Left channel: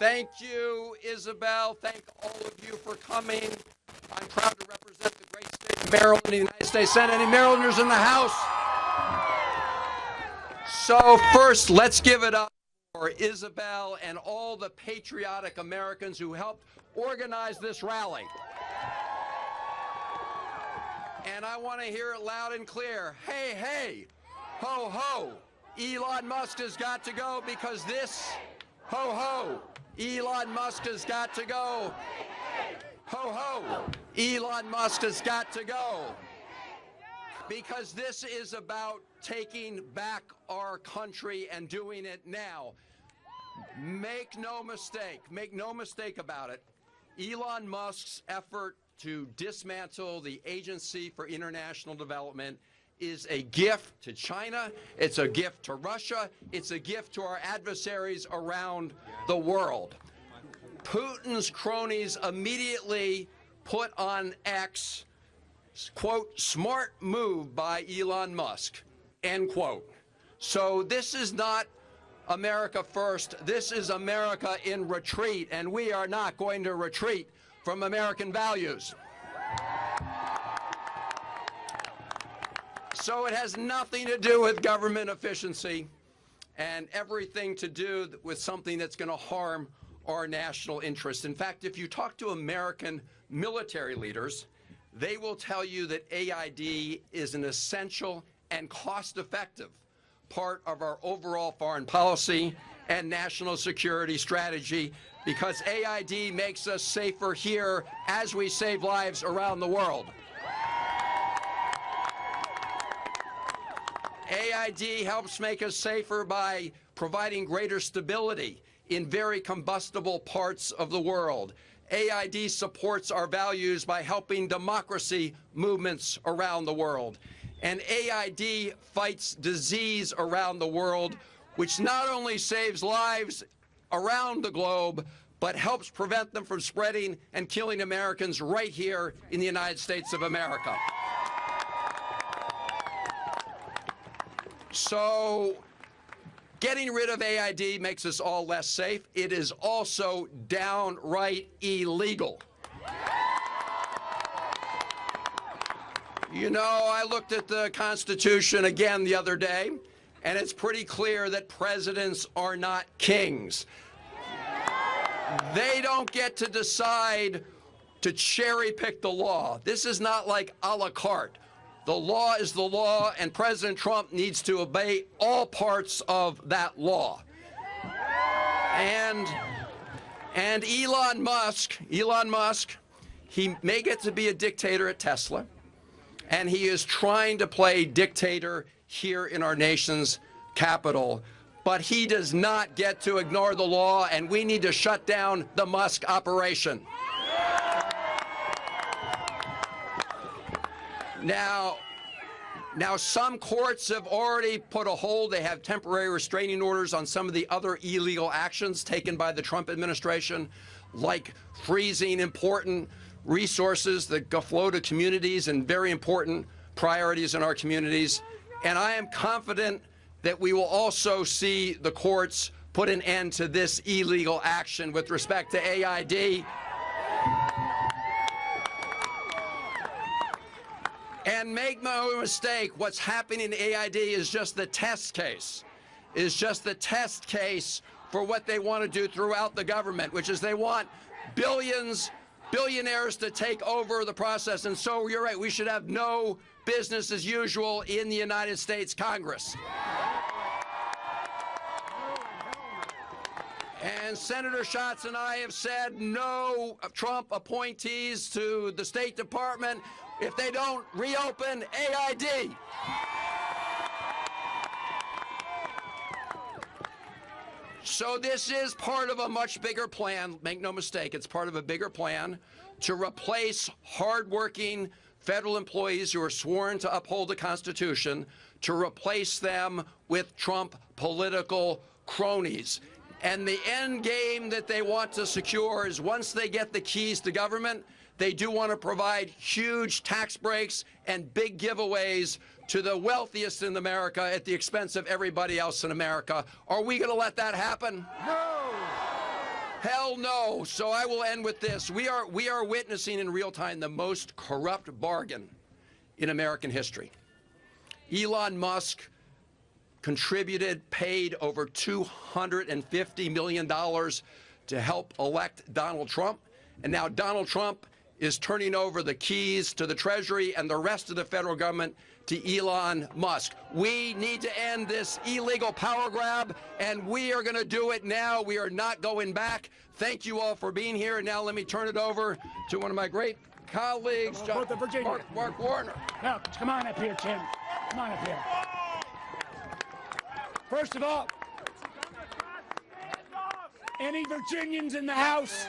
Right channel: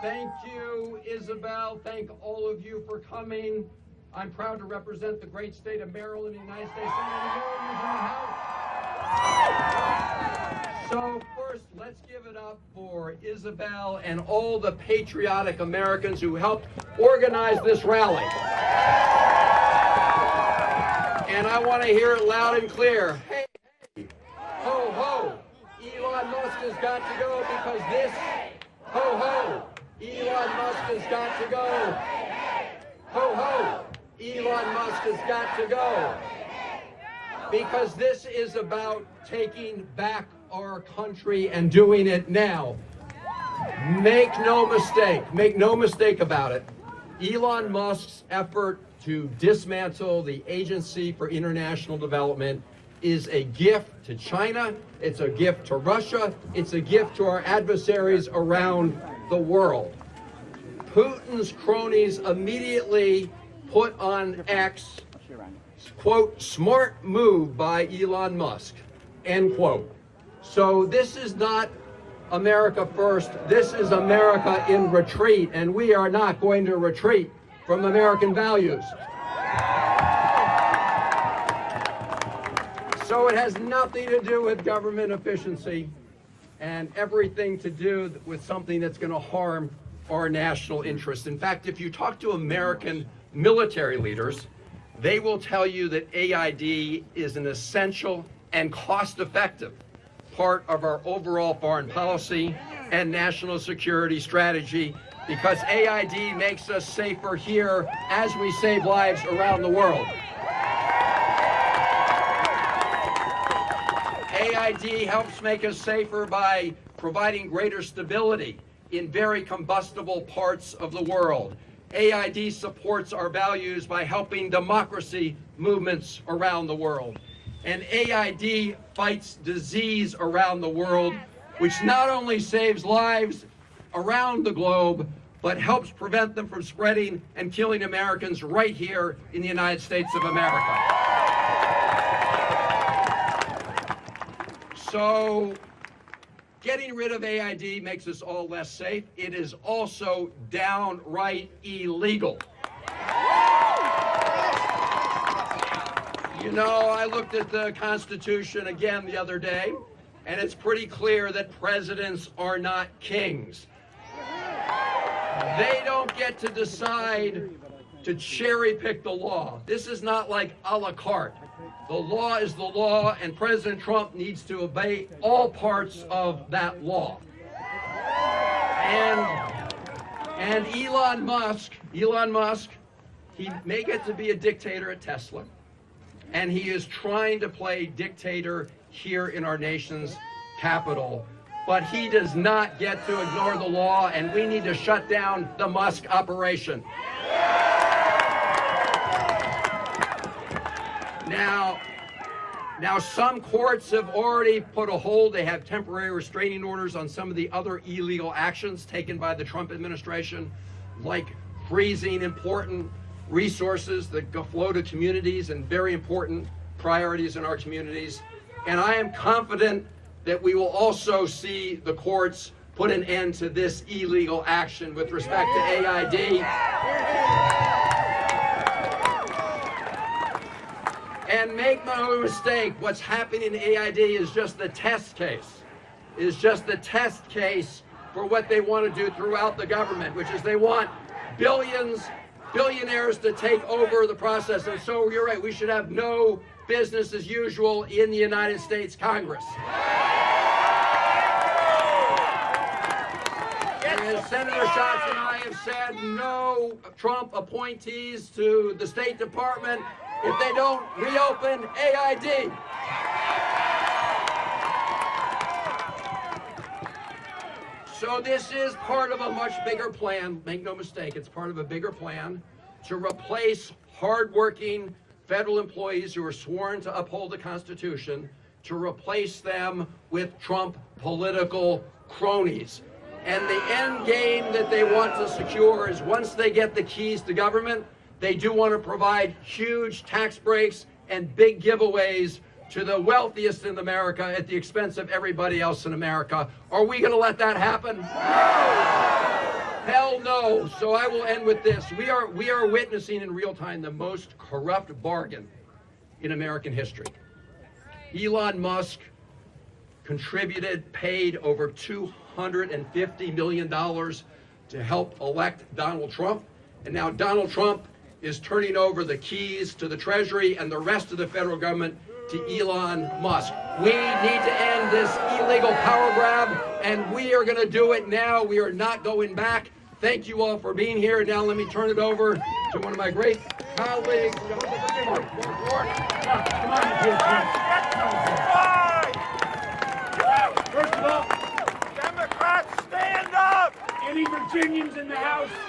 Thank you, Isabel. Thank all of you for coming. I'm proud to represent the great state of Maryland in the United States Senate. Any Marylanders in the House? So first, let's give it up for Isabel and all the patriotic Americans who helped organize this rally. And I want to hear it loud and clear. Hey, hey, ho, ho, Elon Musk has got to go because this, ho, ho, Elon Musk has got to go. Ho, ho, Elon Musk has got to go. Because this is about taking back our country and doing it now. Make no mistake about it. Elon Musk's effort to dismantle the Agency for International Development is a gift to China, it's a gift to Russia, it's a gift to our adversaries around the world. Putin's cronies immediately put on X, quote, smart move by Elon Musk, end quote. So this is not America first, this is America in retreat, and we are not going to retreat from American values. So it has nothing to do with government efficiency and everything to do with something that's going to harm our national interest. In fact, if you talk to American military leaders, they will tell you that AID is an essential and cost-effective part of our overall foreign policy and national security strategy, because AID makes us safer here as we save lives around the world. AID helps make us safer by providing greater stability in very combustible parts of the world. AID supports our values by helping democracy movements around the world. And AID fights disease around the world, which not only saves lives around the globe, but helps prevent them from spreading and killing Americans right here in the United States of America. So, getting rid of AID makes us all less safe. It is also downright illegal. You know, I looked at the Constitution again the other day, and it's pretty clear that presidents are not kings. They don't get to decide to cherry pick the law. This is not like a la carte. The law is the law, and President Trump needs to obey all parts of that law. And Elon Musk, he may get to be a dictator at Tesla, and he is trying to play dictator here in our nation's capital, but he does not get to ignore the law, and we need to shut down the Musk operation. Now, some courts have already put a hold. They have temporary restraining orders on some of the other illegal actions taken by the Trump administration, like freezing important resources that go flow to communities and very important priorities in our communities. And I am confident that we will also see the courts put an end to this illegal action with respect to AID. And make no mistake, what's happening in AID is just the test case. For what they want to do throughout the government, which is they want billionaires to take over the process. And so you're right, we should have no business as usual in the United States Congress. And Senator Schatz and I have said no Trump appointees to the State Department if they don't reopen AID. So this is part of a much bigger plan. Make no mistake, it's part of a bigger plan to replace hardworking federal employees who are sworn to uphold the Constitution, to replace them with Trump political cronies. And the end game that they want to secure is once they get the keys to government, they do want to provide huge tax breaks and big giveaways to the wealthiest in America at the expense of everybody else in America. Are we going to let that happen? No. Hell no. So I will end with this. We are witnessing in real time the most corrupt bargain in American history. Elon Musk contributed, paid over $250 million to help elect Donald Trump. And now Donald Trump is turning over the keys to the Treasury and the rest of the federal government to Elon Musk. We need to end this illegal power grab, and we are going to do it now. We are not going back. Thank you all for being here. Now let me turn it over to one of my great colleagues, Mark Ward. Come on, Jim. First of all, Democrats, stand up! any Virginians in the House?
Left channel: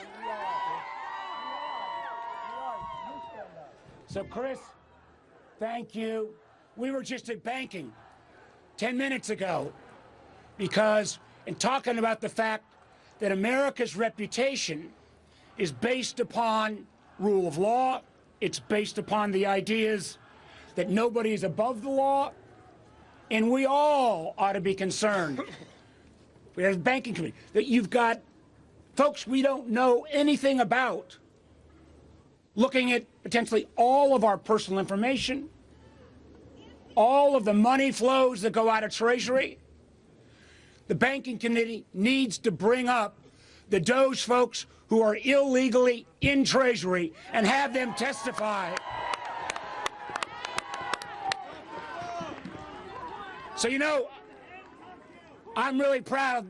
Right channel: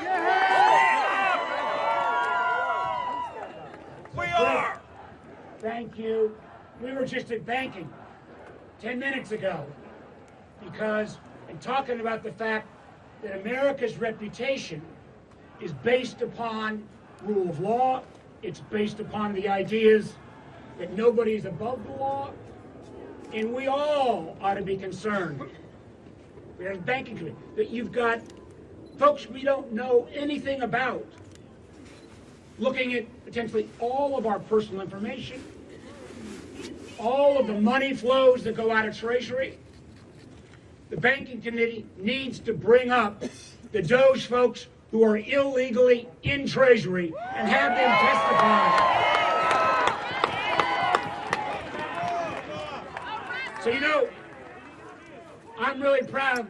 So We are! Thank you. We were just at banking 10 minutes ago because in talking about the fact that America's reputation is based upon rule of law, it's based upon the ideas that nobody's above the law, and we all ought to be concerned. We have a banking committee that you've got folks we don't know anything about looking at potentially all of our personal information, all of the money flows that go out of Treasury. The banking committee needs to bring up the Doge folks who are illegally in Treasury and have them testify. So, you know, I'm really proud of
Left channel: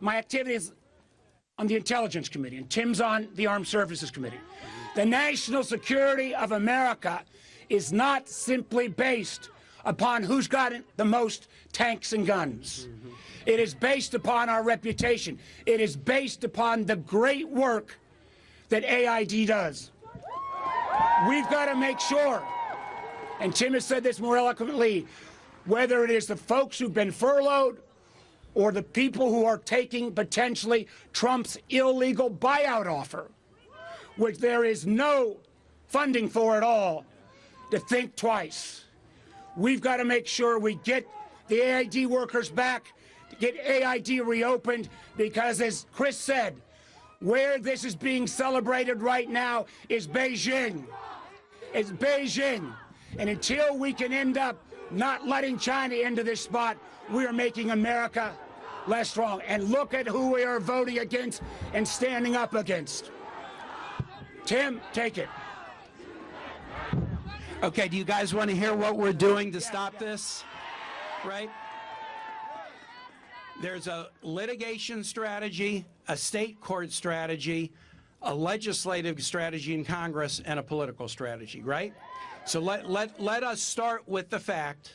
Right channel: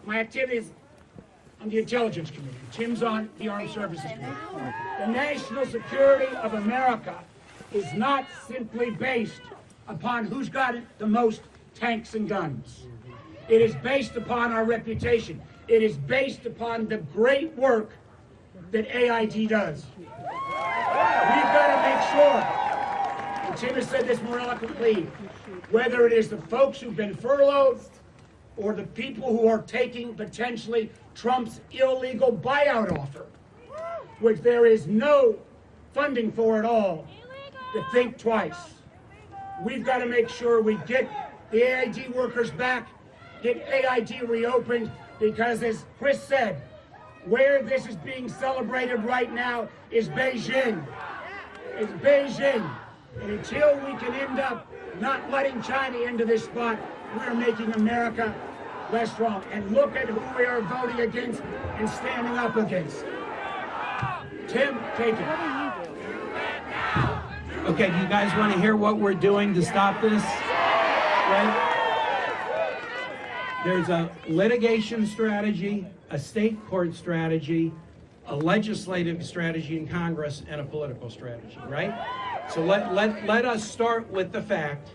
my activities on the Intelligence Committee, and Tim's on the Armed Services Committee. The national security of America is not simply based upon who's got the most tanks and guns. It is based upon our reputation. It is based upon the great work that AID does. We've got to make sure, and Tim has said this more eloquently, whether it is the folks who've been furloughed or the people who are taking potentially Trump's illegal buyout offer, which there is no funding for at all, to think twice. We've got to make sure we get the AID workers back, get AID reopened, because as Chris said, where this is being celebrated right now is Beijing. It's Beijing. And until we can end up not letting China into this spot, we're making America less strong. And look at who we are voting against and standing up against. Tim, take it. Okay, do you guys want to hear what we're doing to stop this? Right? There's a litigation strategy, a state court strategy, a legislative strategy in Congress, and a political strategy, right? So let us start with the fact.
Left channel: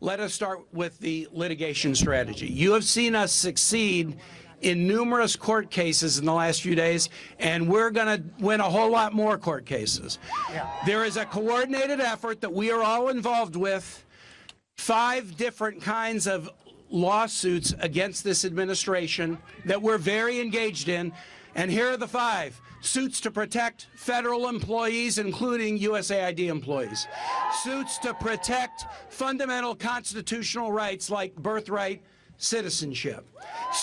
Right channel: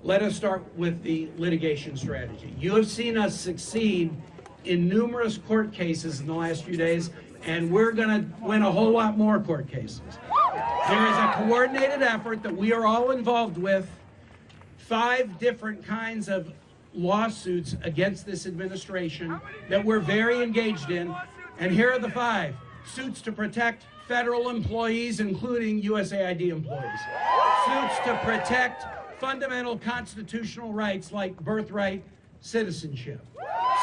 Let us start with the litigation strategy. You have seen us succeed in numerous court cases in the last few days, and we're going to win a whole lot more court cases. There is a coordinated effort that we are all involved with, 5 different kinds of lawsuits against this administration that we're very engaged in, and here are the 5. Suits to protect federal employees, including USAID employees. Suits to protect fundamental constitutional rights like birthright citizenship.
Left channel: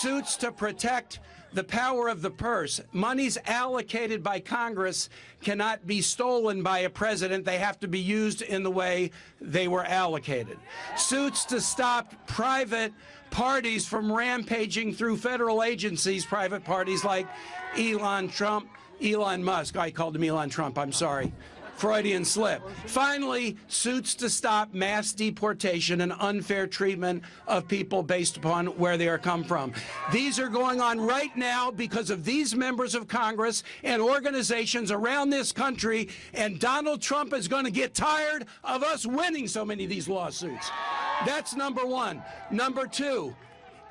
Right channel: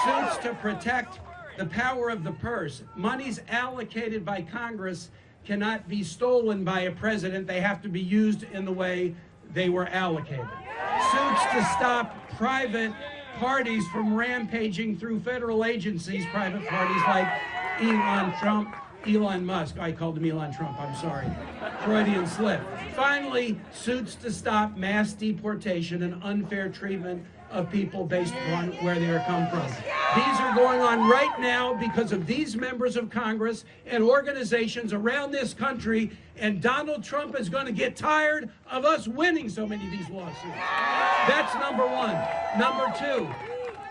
Suits to protect the power of the purse. Monies allocated by Congress cannot be stolen by a president. They have to be used in the way they were allocated. Suits to stop private parties from rampaging through federal agencies, private parties like Elon Musk. I called him Elon Trump, I'm sorry. Freudian slip. Finally, suits to stop mass deportation and unfair treatment of people based upon where they are come from. These are going on right now because of these members of Congress and organizations around this country, and Donald Trump is going to get tired of us winning so many of these lawsuits. That's number 1. Number 2.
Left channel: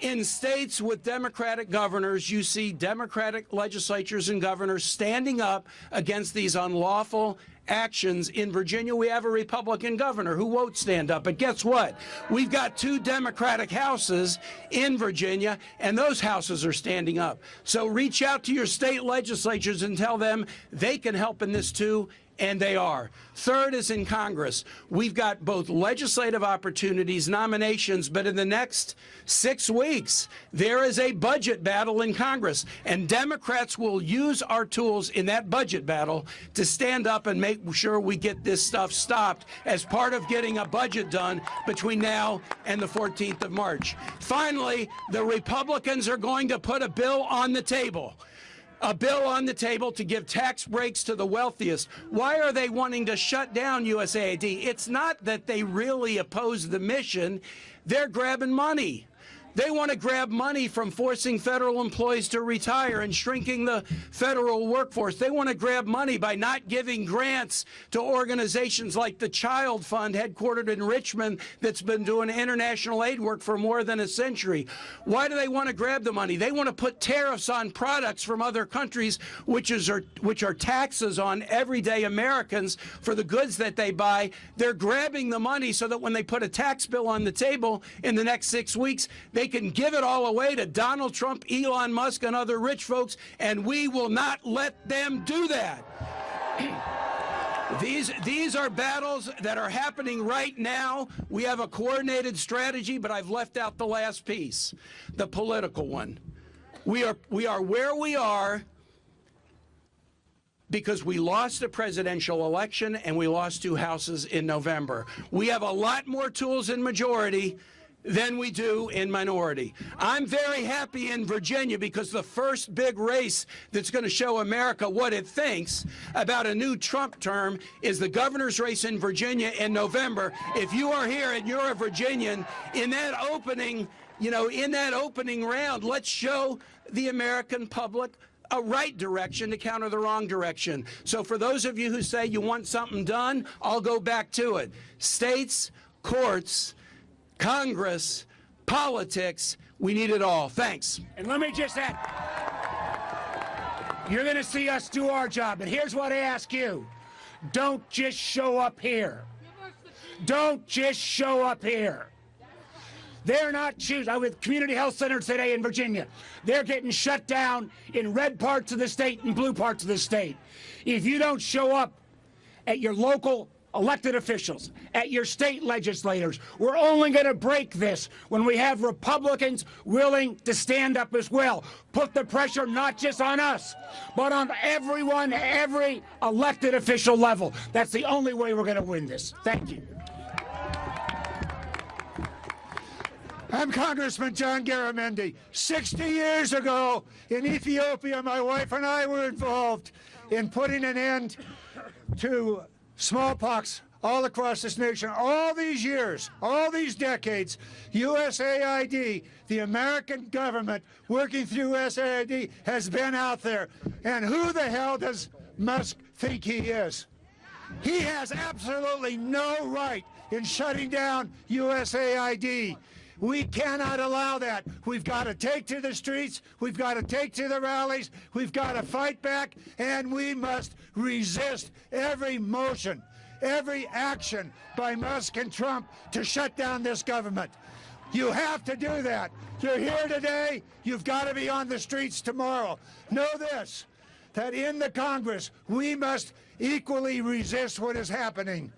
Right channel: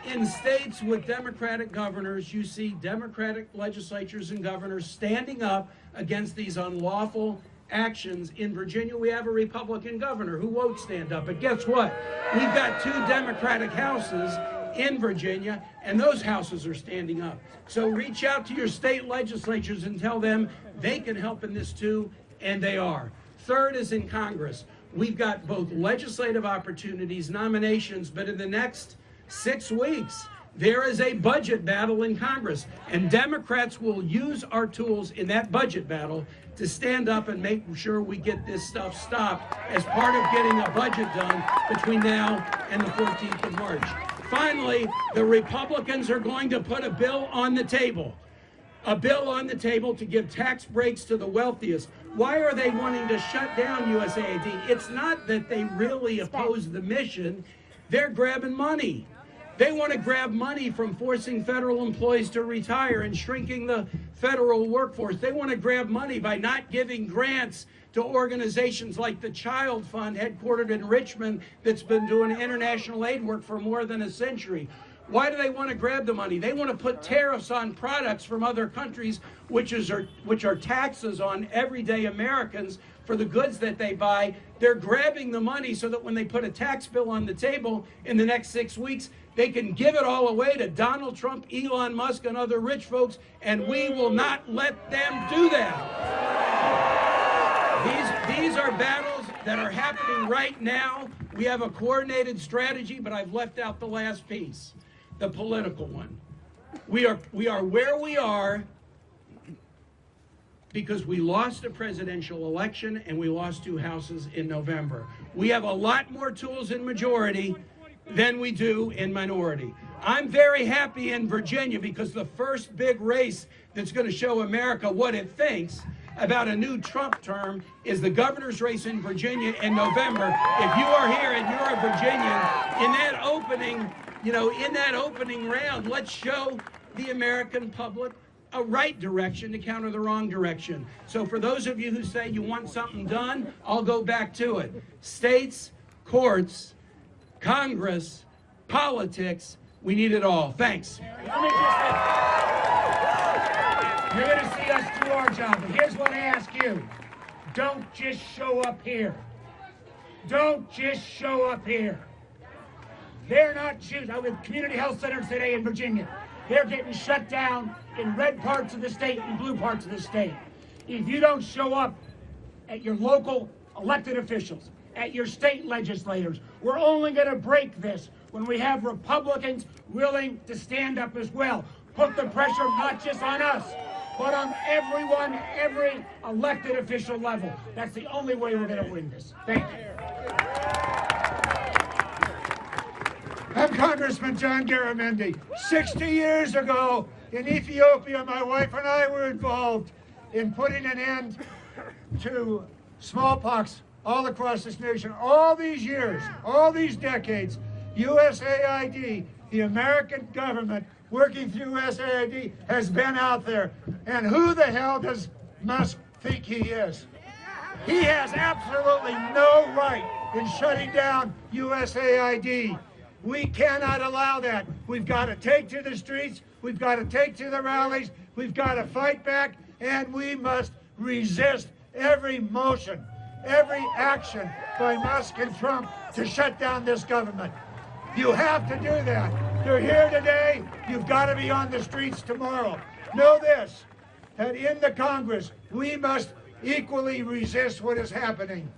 In states with Democratic governors, you see Democratic legislatures and governors standing up against these unlawful actions. In Virginia, we have a Republican governor who won't stand up. But guess what? We've got 2 Democratic houses in Virginia, and those houses are standing up. So reach out to your state legislatures and tell them they can help in this too. and they are. Third is in Congress. We've got both legislative opportunities, nominations, but in the next 6 weeks, there is a budget battle in Congress, and Democrats will use our tools in that budget battle to stand up and make sure we get this stuff stopped as part of getting a budget done between now and the 14th of March. Finally, the Republicans are going to put a bill on the table. A bill on the table to give tax breaks to the wealthiest. Why are they wanting to shut down USAID? It's not that they really oppose the mission. They're grabbing money. They want to grab money from forcing federal employees to retire and shrinking the federal workforce. They want to grab money by not giving grants to organizations like the Child Fund, headquartered in Richmond, that's been doing international aid work for more than a century. Why do they want to grab the money? They want to put tariffs on products from other countries, which are taxes on everyday Americans for the goods that they buy. They're grabbing the money so that when they put a tax bill on the table in the next 6 weeks, they can give it all away to Donald Trump, Elon Musk, and other rich folks, and we will not let them do that. These are battles that are happening right now. We have a coordinated strategy, but I've left out the last piece, the political one. We are where we are because we lost a presidential election and we lost 2 houses in November. We have a lot more tools in majority than we do in minority. I'm very happy in Virginia because the first big race that's going to show America what it thinks about a new Trump term is the governor's race in Virginia in November. If you are here and you're a Virginian, in that opening round, let's show the American public a right direction to counter the wrong direction. So for those of you who say you want something done, I'll go back to it. States, courts, Congress, politics, we need it all. Thanks. And let me just add, you're going to see us do our job. And here's what I ask you. Don't just show up here. Don't just show up here. They're not choosing. I was at community health centers today in Virginia. They're getting shut down in red parts of the state and blue parts of the state. If you don't show up at your local elected officials, at your state legislators, we're only going to break this when we have Republicans willing to stand up as well. Put the pressure not just on us, but on everyone, every elected official level. That's the only way we're going to win this. Thank you. I'm Congressman John Garamendi. 60 years ago in Ethiopia, my wife and I were involved in putting an end to smallpox all across this nation. All these years, all these decades, USAID, the American government working through USAID, has been out there. And who the hell does Musk think he is? He has absolutely no right in shutting down USAID. We cannot allow that. We've got to take to the streets, we've got to take to the rallies, we've got to fight back, and we must resist every motion, every action by Musk and Trump to shut down this government. You have to do that. You're here today, you've got to be on the streets tomorrow. Know this, that in the Congress, we must equally resist what is happening.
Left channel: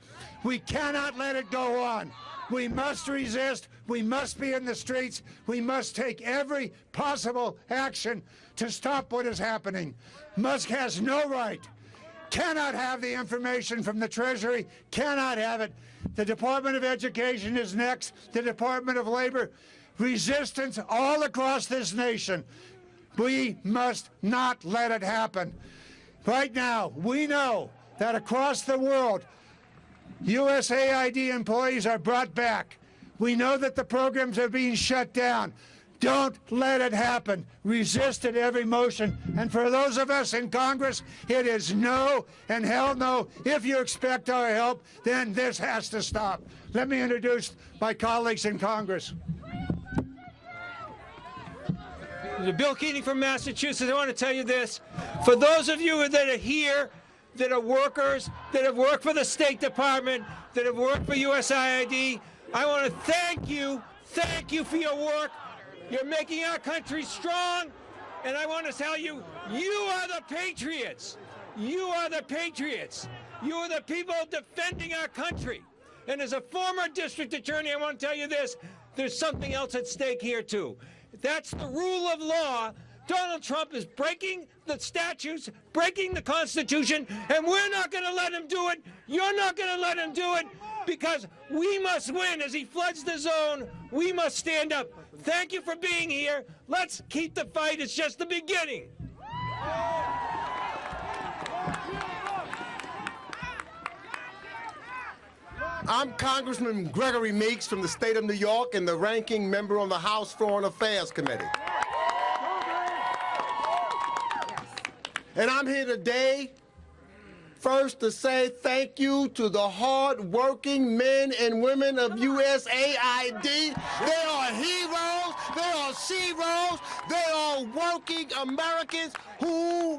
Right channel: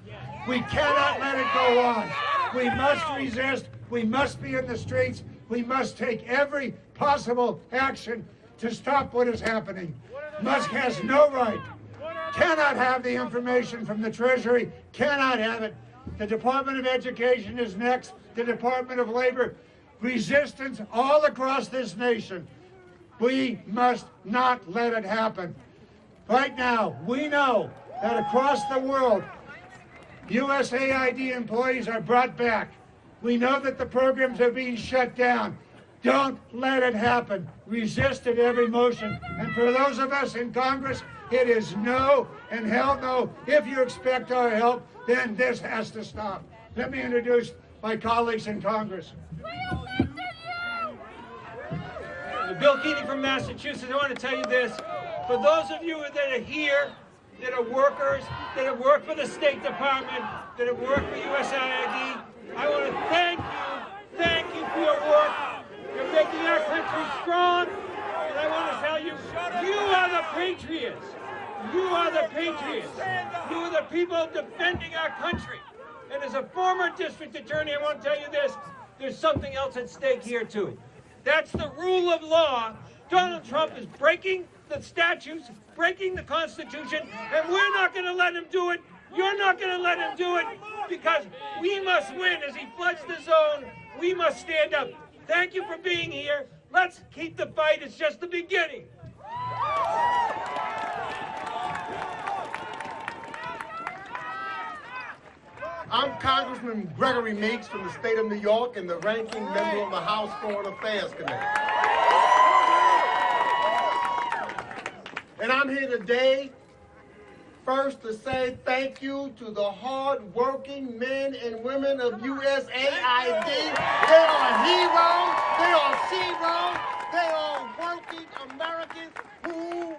We cannot let it go on. We must resist. We must be in the streets. We must take every possible action to stop what is happening. Musk has no right, cannot have the information from the Treasury, cannot have it. The Department of Education is next, the Department of Labor. Resistance all across this nation. We must not let it happen. Right now, we know that across the world, USAID employees are brought back. We know that the programs are being shut down. Don't let it happen. Resist at every motion. And for those of us in Congress, it is no and hell no. If you expect our help, then this has to stop. Let me introduce my colleagues in Congress. Bill Keating from Massachusetts. I want to tell you this. For those of you that are here, that are workers, that have worked for the State Department, that have worked for USAID, I want to thank you for your work. You're making our country strong, and I want to tell you, you are the patriots. You are the patriots. You are the people defending our country. And as a former district attorney, I want to tell you this, there's something else at stake here too. That's the rule of law. Donald Trump is breaking the statutes, breaking the Constitution, and we're not going to let him do it. You're not going to let him do it, because we must win. As he floods the zone, we must stand up. Thank you for being here. Let's keep the fight. It's just the beginning. I'm Congressman Gregory Meeks from the state of New York and the ranking member on the House Foreign Affairs Committee. And I'm here today first to say thank you to the hard-working men and women of USAID. They are heroes, they are sheroes, they are working Americans who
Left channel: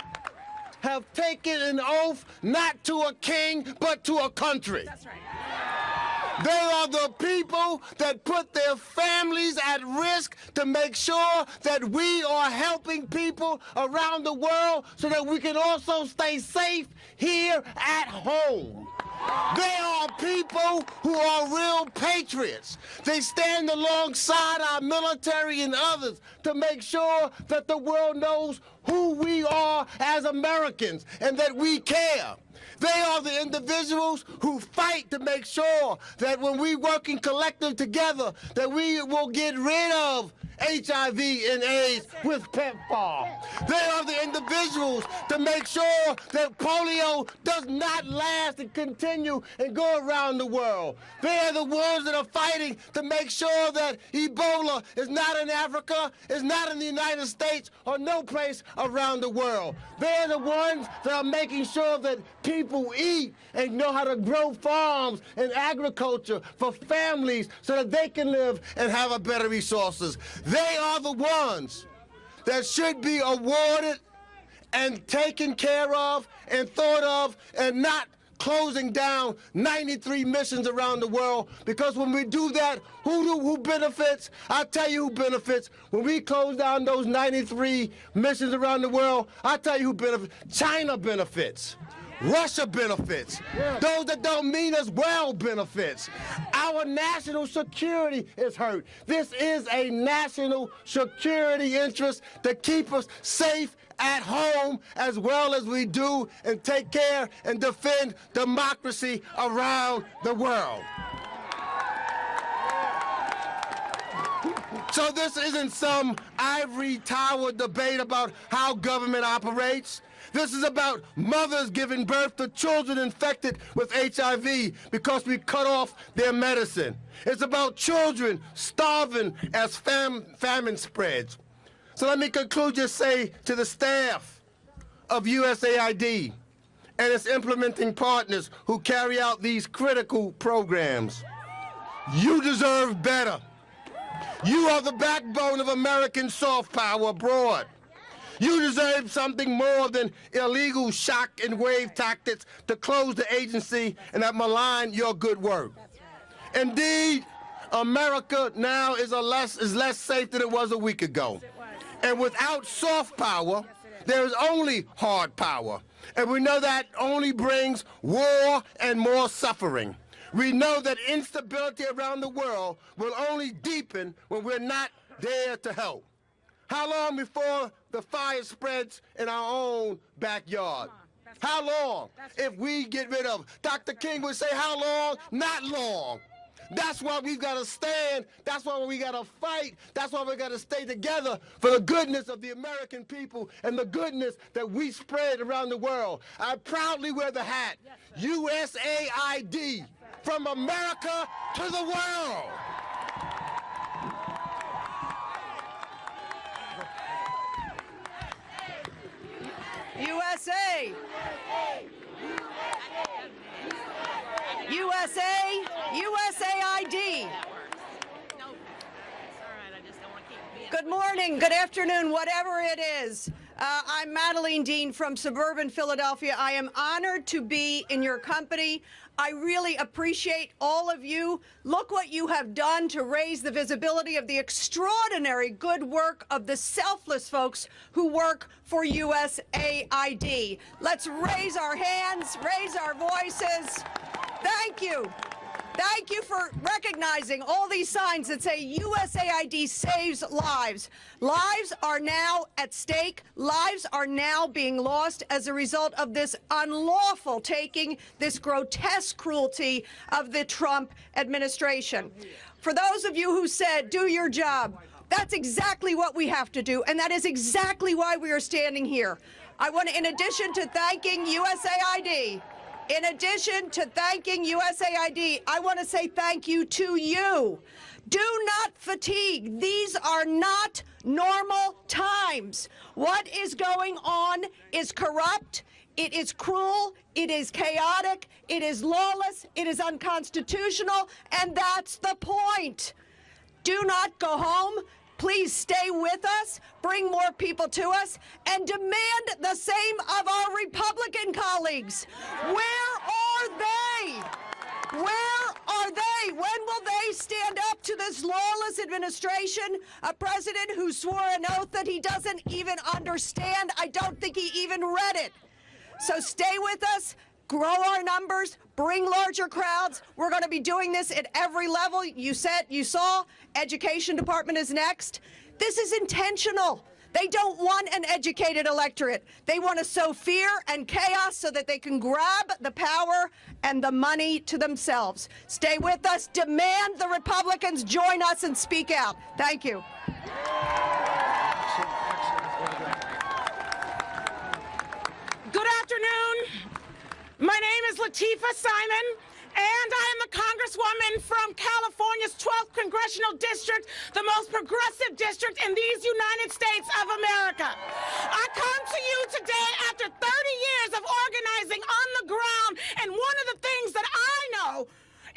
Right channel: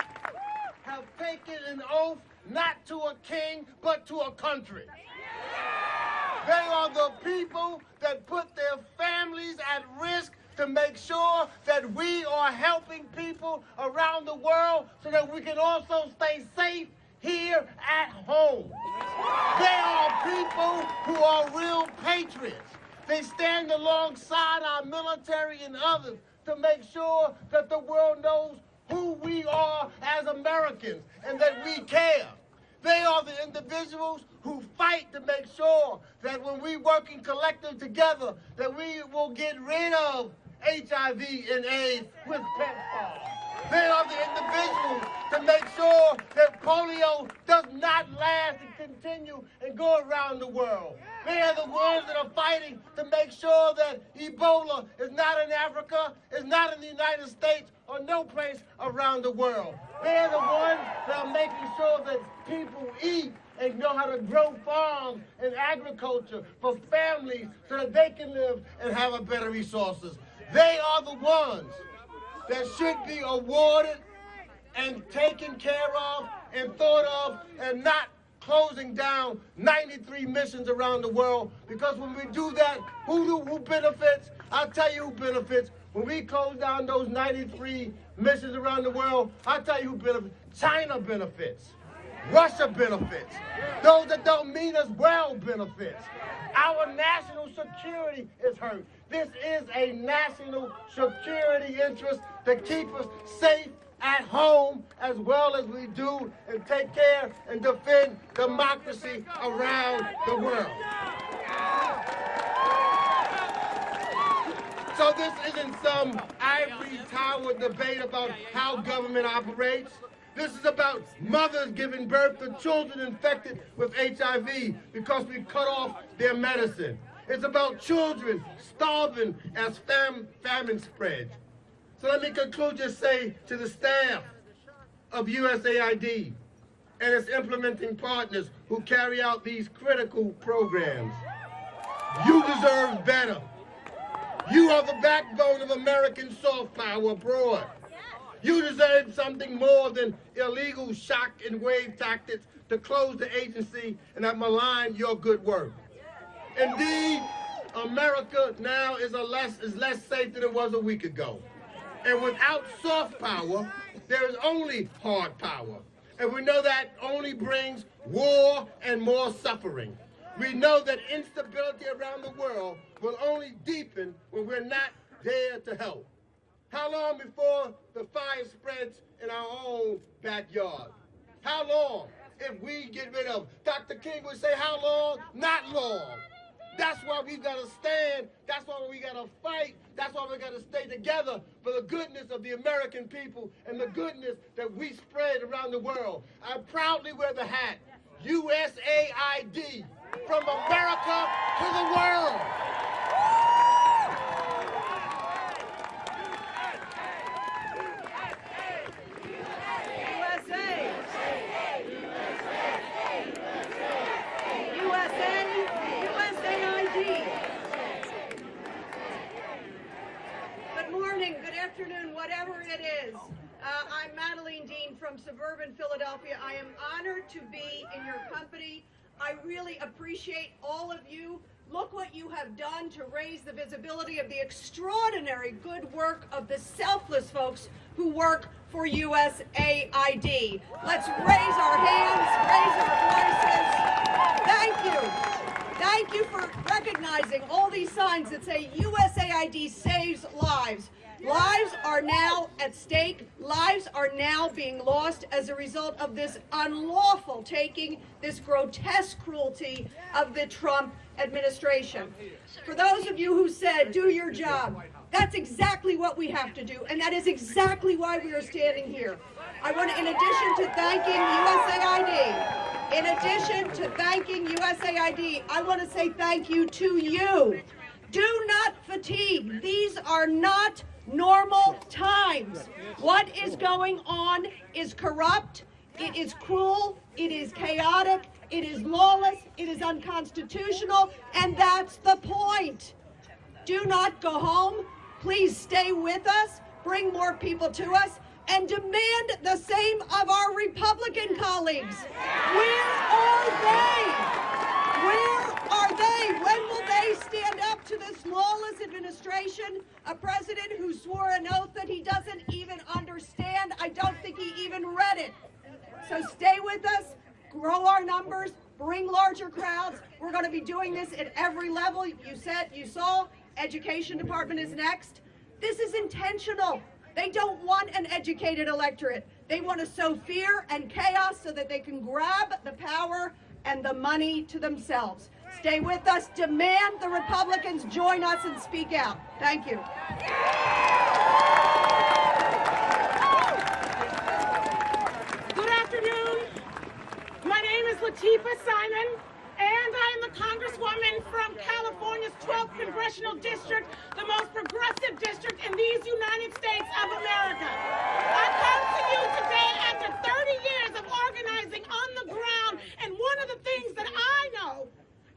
have taken an oath not to a king, but to a country. They are the people that put their families at risk to make sure that we are helping people around the world so that we can also stay safe here at home. They are people who are real patriots. They stand alongside our military and others to make sure that the world knows who we are as Americans and that we care. They are the individuals who fight to make sure that when we working collective together, that we will get rid of HIV and AIDS with PEPFAR. They are the individuals to make sure that polio does not last and continue and go around the world. They are the ones that are fighting to make sure that Ebola is not in Africa, is not in the United States, or no place around the world. They are the ones that are making sure that people eat and know how to grow farms and agriculture for families so that they can live and have a better resources. They are the ones that should be awarded and taken care of and thought of and not closing down 93 missions around the world, because when we do that, who benefits? I'll tell you who benefits. When we close down those 93 missions around the world, I'll tell you who benefits. China benefits. Russia benefits. Those that don't mean us well benefits. Our national security is hurt. This is a national security interest to keep us safe at home as well as we do and take care and defend democracy around the world. So this isn't some ivory tower debate about how government operates. This is about mothers giving birth to children infected with HIV because we cut off their medicine. It's about children starving as famine spreads. So let me conclude, just say to the staff of USAID and its implementing partners who carry out these critical programs, you deserve better. You are the backbone of American soft power abroad. You deserve something more than illegal shock and wave tactics to close the agency and that malign your good work. Indeed, America now is less safe than it was a week ago. And without soft power, there is only hard power. And we know that only brings war and more suffering. We know that instability around the world will only deepen when we're not there to help. How long before the fire spreads in our own backyard? How long if we get rid of? Dr. King would say, how long? Not long. That's why we've got to stand. That's why we got to fight. That's why we got to stay together for the goodness of the American people and the goodness that we spread around the world. I proudly wear the hat, USAID, from America to the world. USA! USA! USAID! Good morning, good afternoon, whatever it is. I'm Madeline Dean from suburban Philadelphia. I am honored to be in your company. I really appreciate all of you. Look what you have done to raise the visibility of the extraordinary good work of the selfless folks who work for USAID. Let's raise our hands, raise our voices. Thank you. Thank you for recognizing all these signs that say USAID saves lives. Lives are now at stake. Lives are now being lost as a result of this unlawful taking, this grotesque cruelty of the Trump administration. For those of you who said, do your job, that's exactly what we have to do, and that is exactly why we are standing here. I want, in addition to thanking USAID, I want to say thank you to you. Do not fatigue. These are not normal times. What is going on is corrupt, it is cruel, it is chaotic, it is lawless, it is unconstitutional, and that's the point. Do not go home. Please stay with us, bring more people to us, and demand the same of our Republican colleagues. Where are they? Where are they? When will they stand up to this lawless administration? A president who swore an oath that he doesn't even understand. I don't think he even read it. So stay with us, grow our numbers, bring larger crowds. We're going to be doing this at every level. You saw, Education Department is next. This is intentional. They don't want an educated electorate. They want to sow fear and chaos so that they can grab the power and the money to themselves. Stay with us. Demand the Republicans join us and speak out. Thank you. Good afternoon. My name is Latifah Simon, and I'm a congresswoman from California's 12th Congressional District, the most progressive district in these United States of America. I come to you today after 30 years of organizing on the ground, and one of the things that I know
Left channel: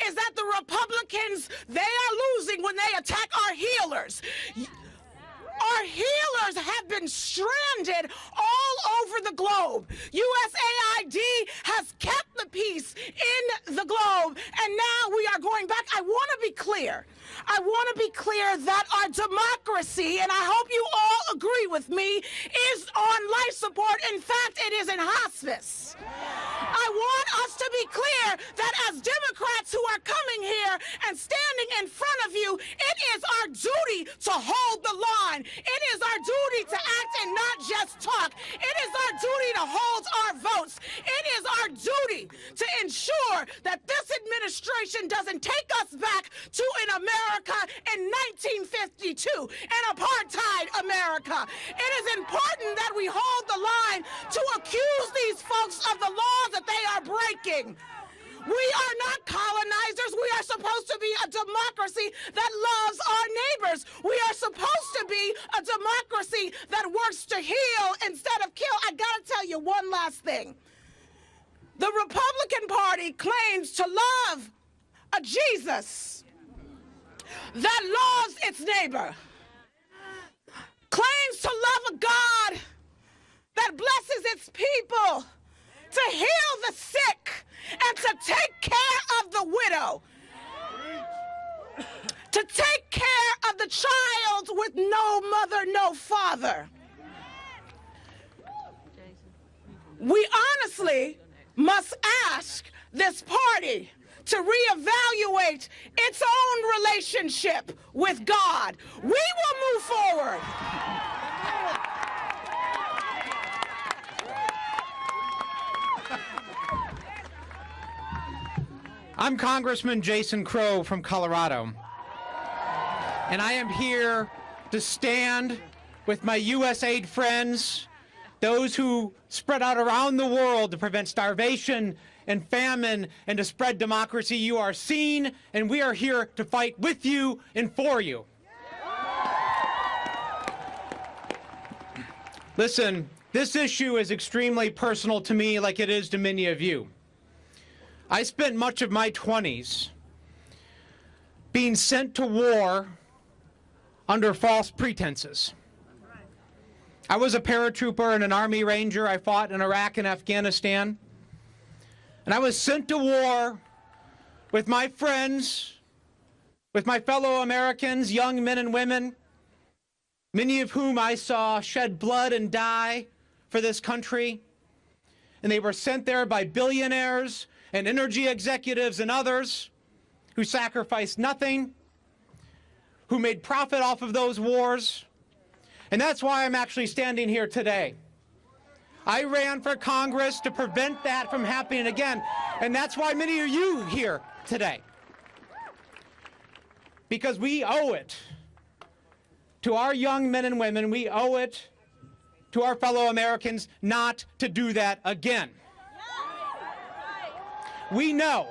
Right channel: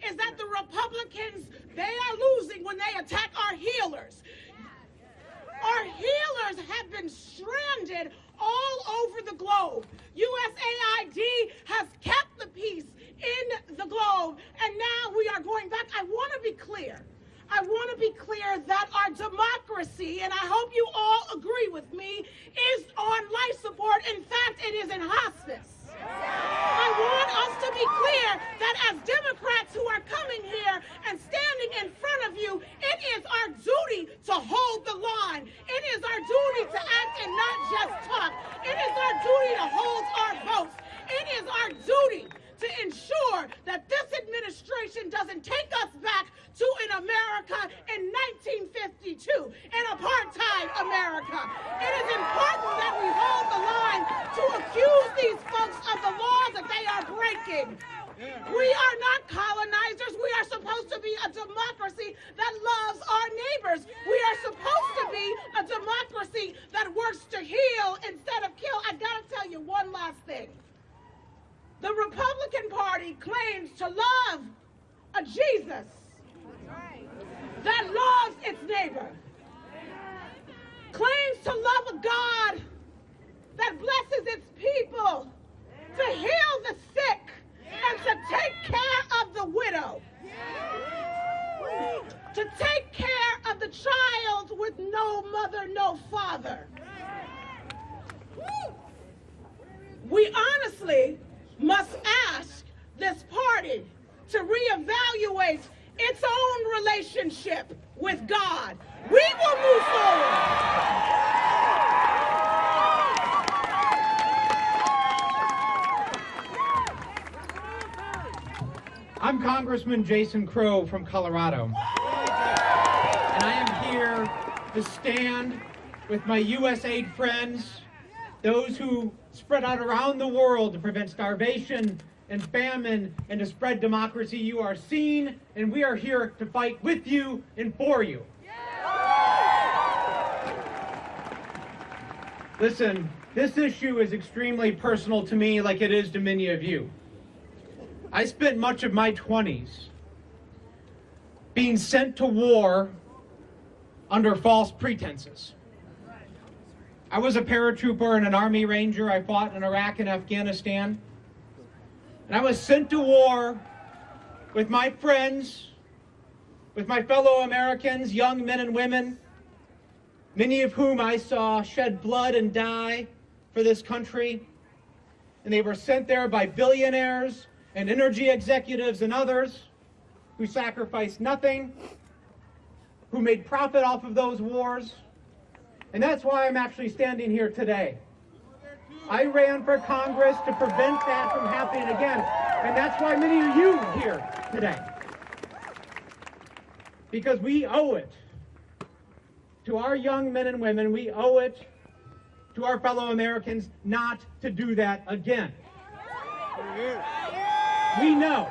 is that the Republicans, they are losing when they attack our healers. Our healers have been stranded all over the globe. USAID has kept the peace in the globe, and now we are going back. I want to be clear. I want to be clear that our democracy, and I hope you all agree with me, is on life support. In fact, it is in hospice. I want us to be clear that as Democrats who are coming here and standing in front of you, it is our duty to hold the line. It is our duty to act and not just talk. It is our duty to hold our votes. It is our duty to ensure that this administration doesn't take us back to an America in 1952, an apartheid America. It is important that we hold the line to accuse these folks of the laws that they are breaking. We are not colonizers. We are supposed to be a democracy that loves our neighbors. We are supposed to be a democracy that works to heal instead of kill. I gotta tell you one last thing. The Republican Party claims to love a Jesus that loves its neighbor, claims to love a God that blesses its people, to heal the sick, and to take care of the widow, to take care of the child with no mother, no father. We honestly must ask this party to reevaluate its own relationship with God. We will move forward. I'm Congressman Jason Crow from Colorado, and I am here to stand with my USAID friends, those who spread out around the world to prevent starvation and famine and to spread democracy. You are seen, and we are here to fight with you and for you. Listen, this issue is extremely personal to me, like it is to many of you. I spent much of my 20s being sent to war under false pretenses. I was a paratrooper and an Army Ranger. I fought in Iraq and Afghanistan. And I was sent to war with my friends, with my fellow Americans, young men and women, many of whom I saw shed blood and die for this country. And they were sent there by billionaires and energy executives and others who sacrificed nothing, who made profit off of those wars. And that's why I'm actually standing here today. I ran for Congress to prevent that from happening again. And that's why many of you here today. Because we owe it to our young men and women, we owe it to our fellow Americans not to do that again. We know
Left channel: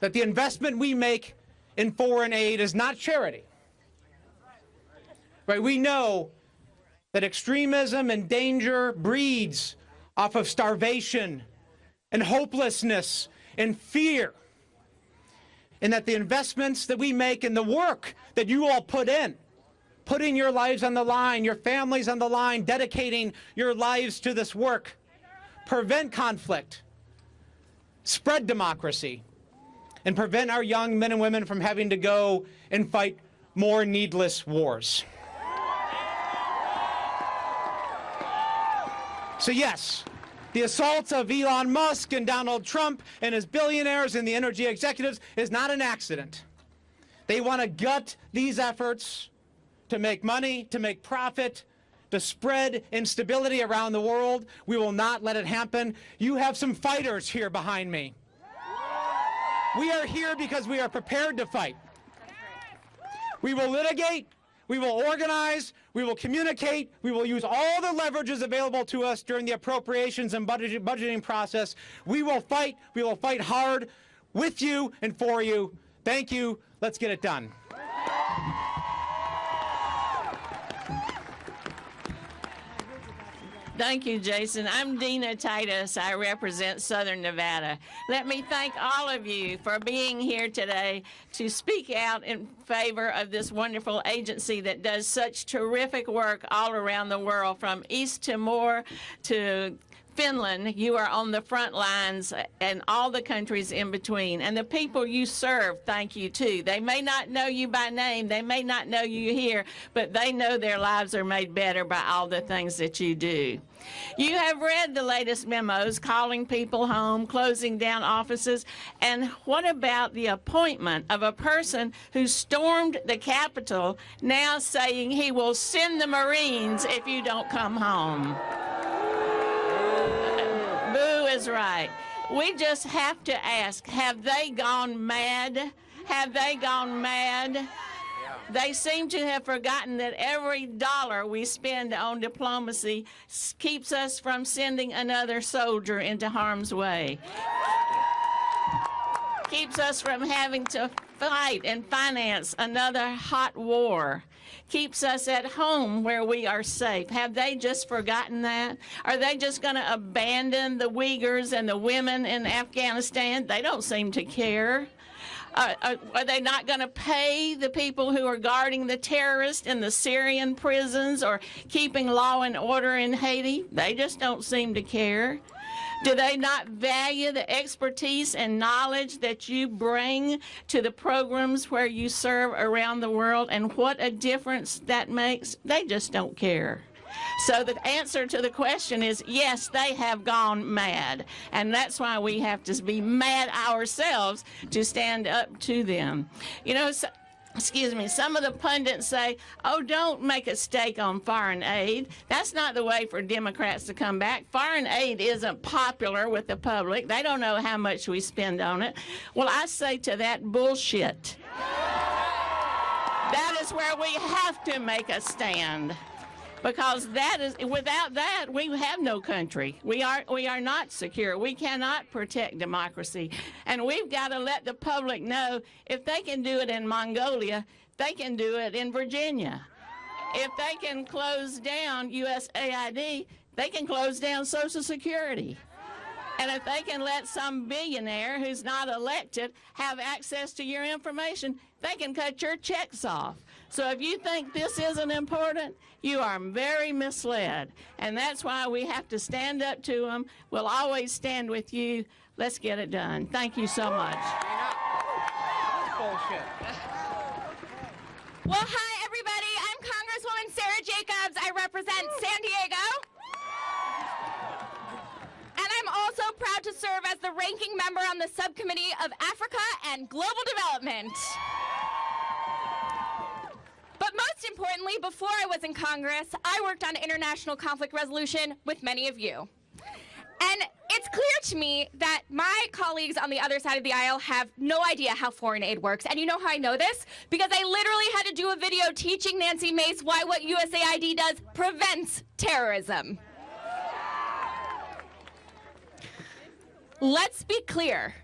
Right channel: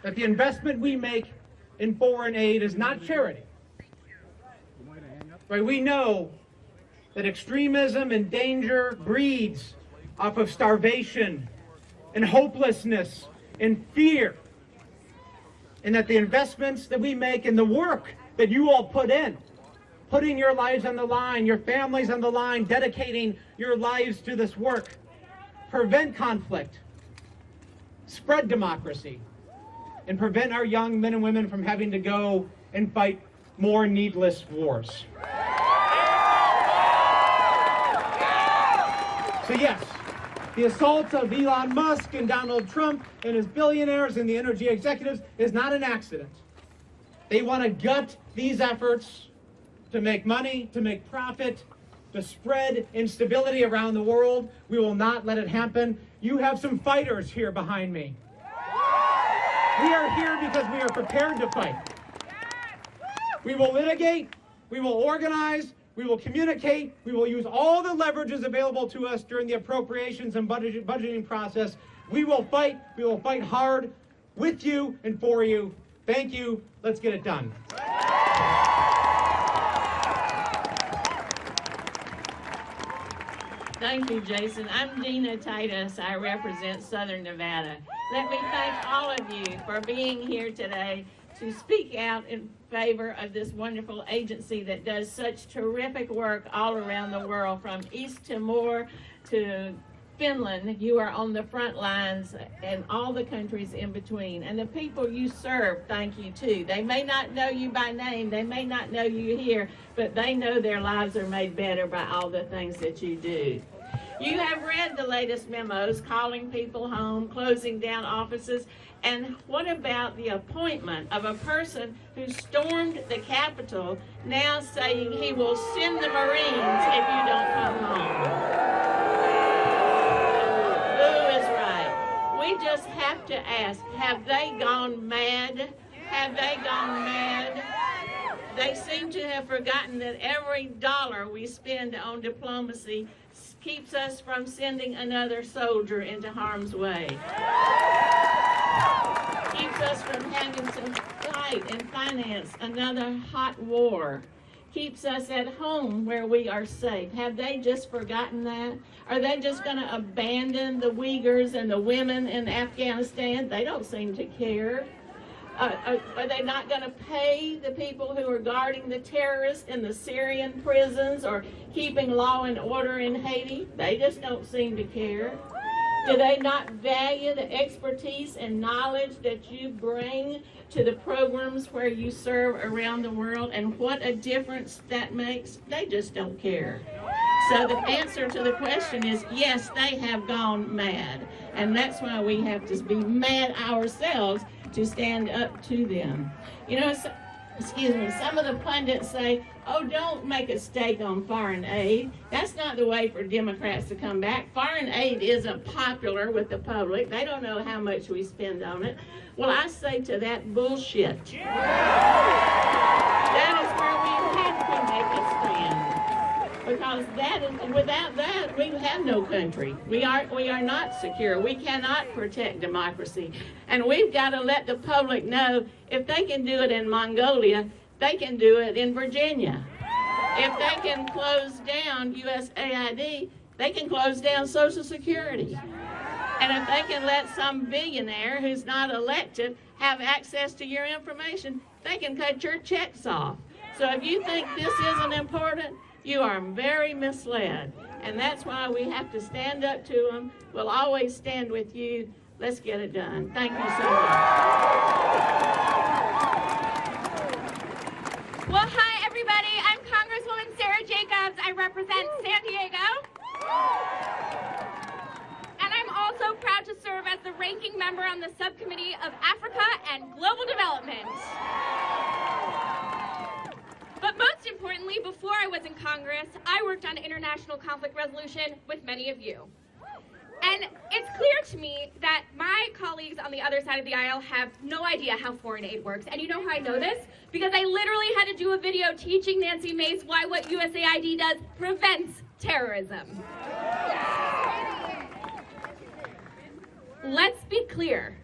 that the investment we make in foreign aid is not charity. Right? We know that extremism and danger breeds off of starvation and hopelessness and fear. And that the investments that we make and the work that you all put in, putting your lives on the line, your families on the line, dedicating your lives to this work, prevent conflict, spread democracy, and prevent our young men and women from having to go and fight more needless wars. So yes, the assault of Elon Musk and Donald Trump and his billionaires and the energy executives is not an accident. They want to gut these efforts to make money, to make profit, to spread instability around the world. We will not let it happen. You have some fighters here behind me. We are here because we are prepared to fight. We will litigate, we will organize, we will communicate, we will use all the leverages available to us during the appropriations and budgeting process. We will fight hard with you and for you. Thank you. Let's get it done. Thank you, Jason. I'm Dina Titus. I represent Southern Nevada. Let me thank all of you for being here today to speak out in favor of this wonderful agency that does such terrific work all around the world, from East Timor to Finland. You are on the front lines, and all the countries in between. And the people you serve, thank you too. They may not know you by name, they may not know you here, but they know their lives are made better by all the things that you do. You have read the latest memos calling people home, closing down offices, and what about the appointment of a person who stormed the Capitol, now saying he will send the Marines if you don't come home? Boo is right. We just have to ask, have they gone mad? Have they gone mad? They seem to have forgotten that every dollar we spend on diplomacy keeps us from sending another soldier into harm's way. Keeps us from having to fight and finance another hot war. Keeps us at home where we are safe. Have they just forgotten that? Are they just going to abandon the Uyghurs and the women in Afghanistan? They don't seem to care. Are they not going to pay the people who are guarding the terrorists in the Syrian prisons or keeping law and order in Haiti? They just don't seem to care. Do they not value the expertise and knowledge that you bring to the programs where you serve around the world, and what a difference that makes? They just don't care. So the answer to the question is yes, they have gone mad. And that's why we have to be mad ourselves to stand up to them. You know, some of the pundits say, oh, don't make a stake on foreign aid. That's not the way for Democrats to come back. Foreign aid isn't popular with the public. They don't know how much we spend on it. Well, I say to that, bullshit. That is where we have to make a stand. Because without that, we have no country. We are not secure. We cannot protect democracy. And we've got to let the public know, if they can do it in Mongolia, they can do it in Virginia. If they can close down USAID, they can close down Social Security. And if they can let some billionaire who's not elected have access to your information, they can cut your checks off. So if you think this isn't important, you are very misled. And that's why we have to stand up to them. We'll always stand with you. Let's get it done. Thank you so much. Well, hi, everybody. I'm Congresswoman Sarah Jacobs. I represent San Diego. And I'm also proud to serve as the ranking member on the Subcommittee of Africa and Global Development. But most importantly, before I was in Congress, I worked on international conflict resolution with many of you. And it's clear to me that my colleagues on the other side of the aisle have no idea how foreign aid works. And you know how I know this? Because I literally had to do a video teaching Nancy Mace why what USAID does prevents terrorism. Let's be clear.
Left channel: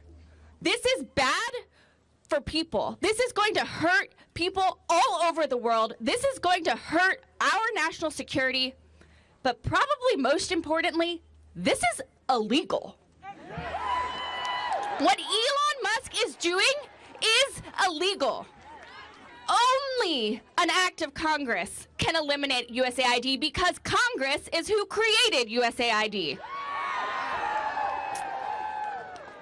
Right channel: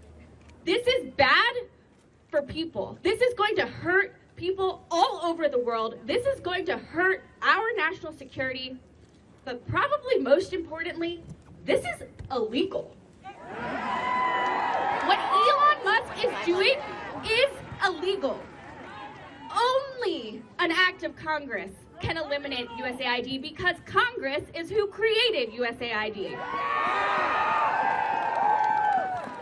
This is bad for people. This is going to hurt people all over the world. This is going to hurt our national security. But probably most importantly, this is illegal. What Elon Musk is doing is illegal. Only an act of Congress can eliminate USAID because Congress is who created USAID.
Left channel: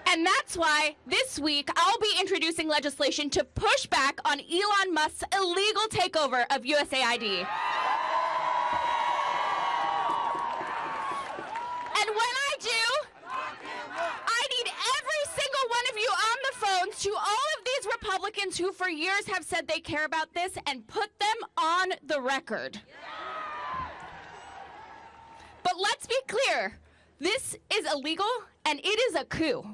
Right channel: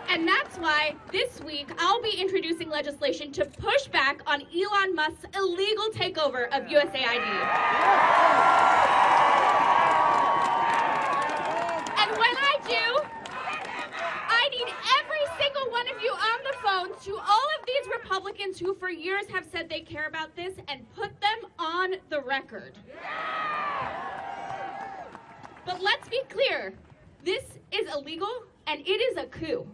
And that's why this week I'll be introducing legislation to push back on Elon Musk's illegal takeover of USAID. And when I do, I need every single one of you on the phones to all of these Republicans who for years have said they care about this and put them on the record. But let's be clear, this is illegal and it is a coup.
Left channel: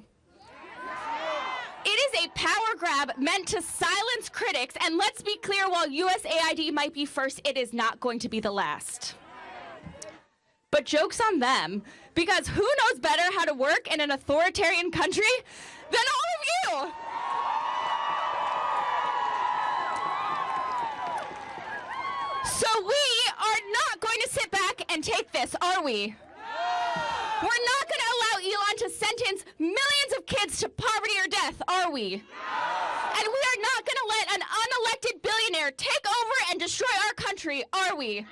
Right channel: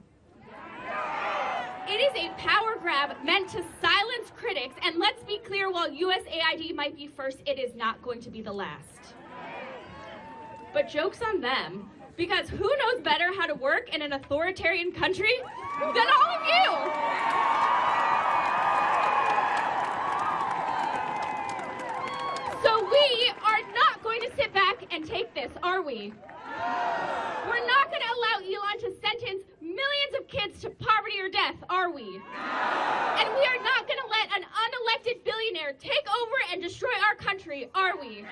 It is a power grab meant to silence critics, and let's be clear, while USAID might be first, it is not going to be the last. But joke's on them, because who knows better how to work in an authoritarian country than all of you? So we are not going to sit back and take this, are we? We're not going to allow Elon to sentence millions of kids to poverty or death, are we? And we are not going to let an unelected billionaire take over and destroy our country, are we?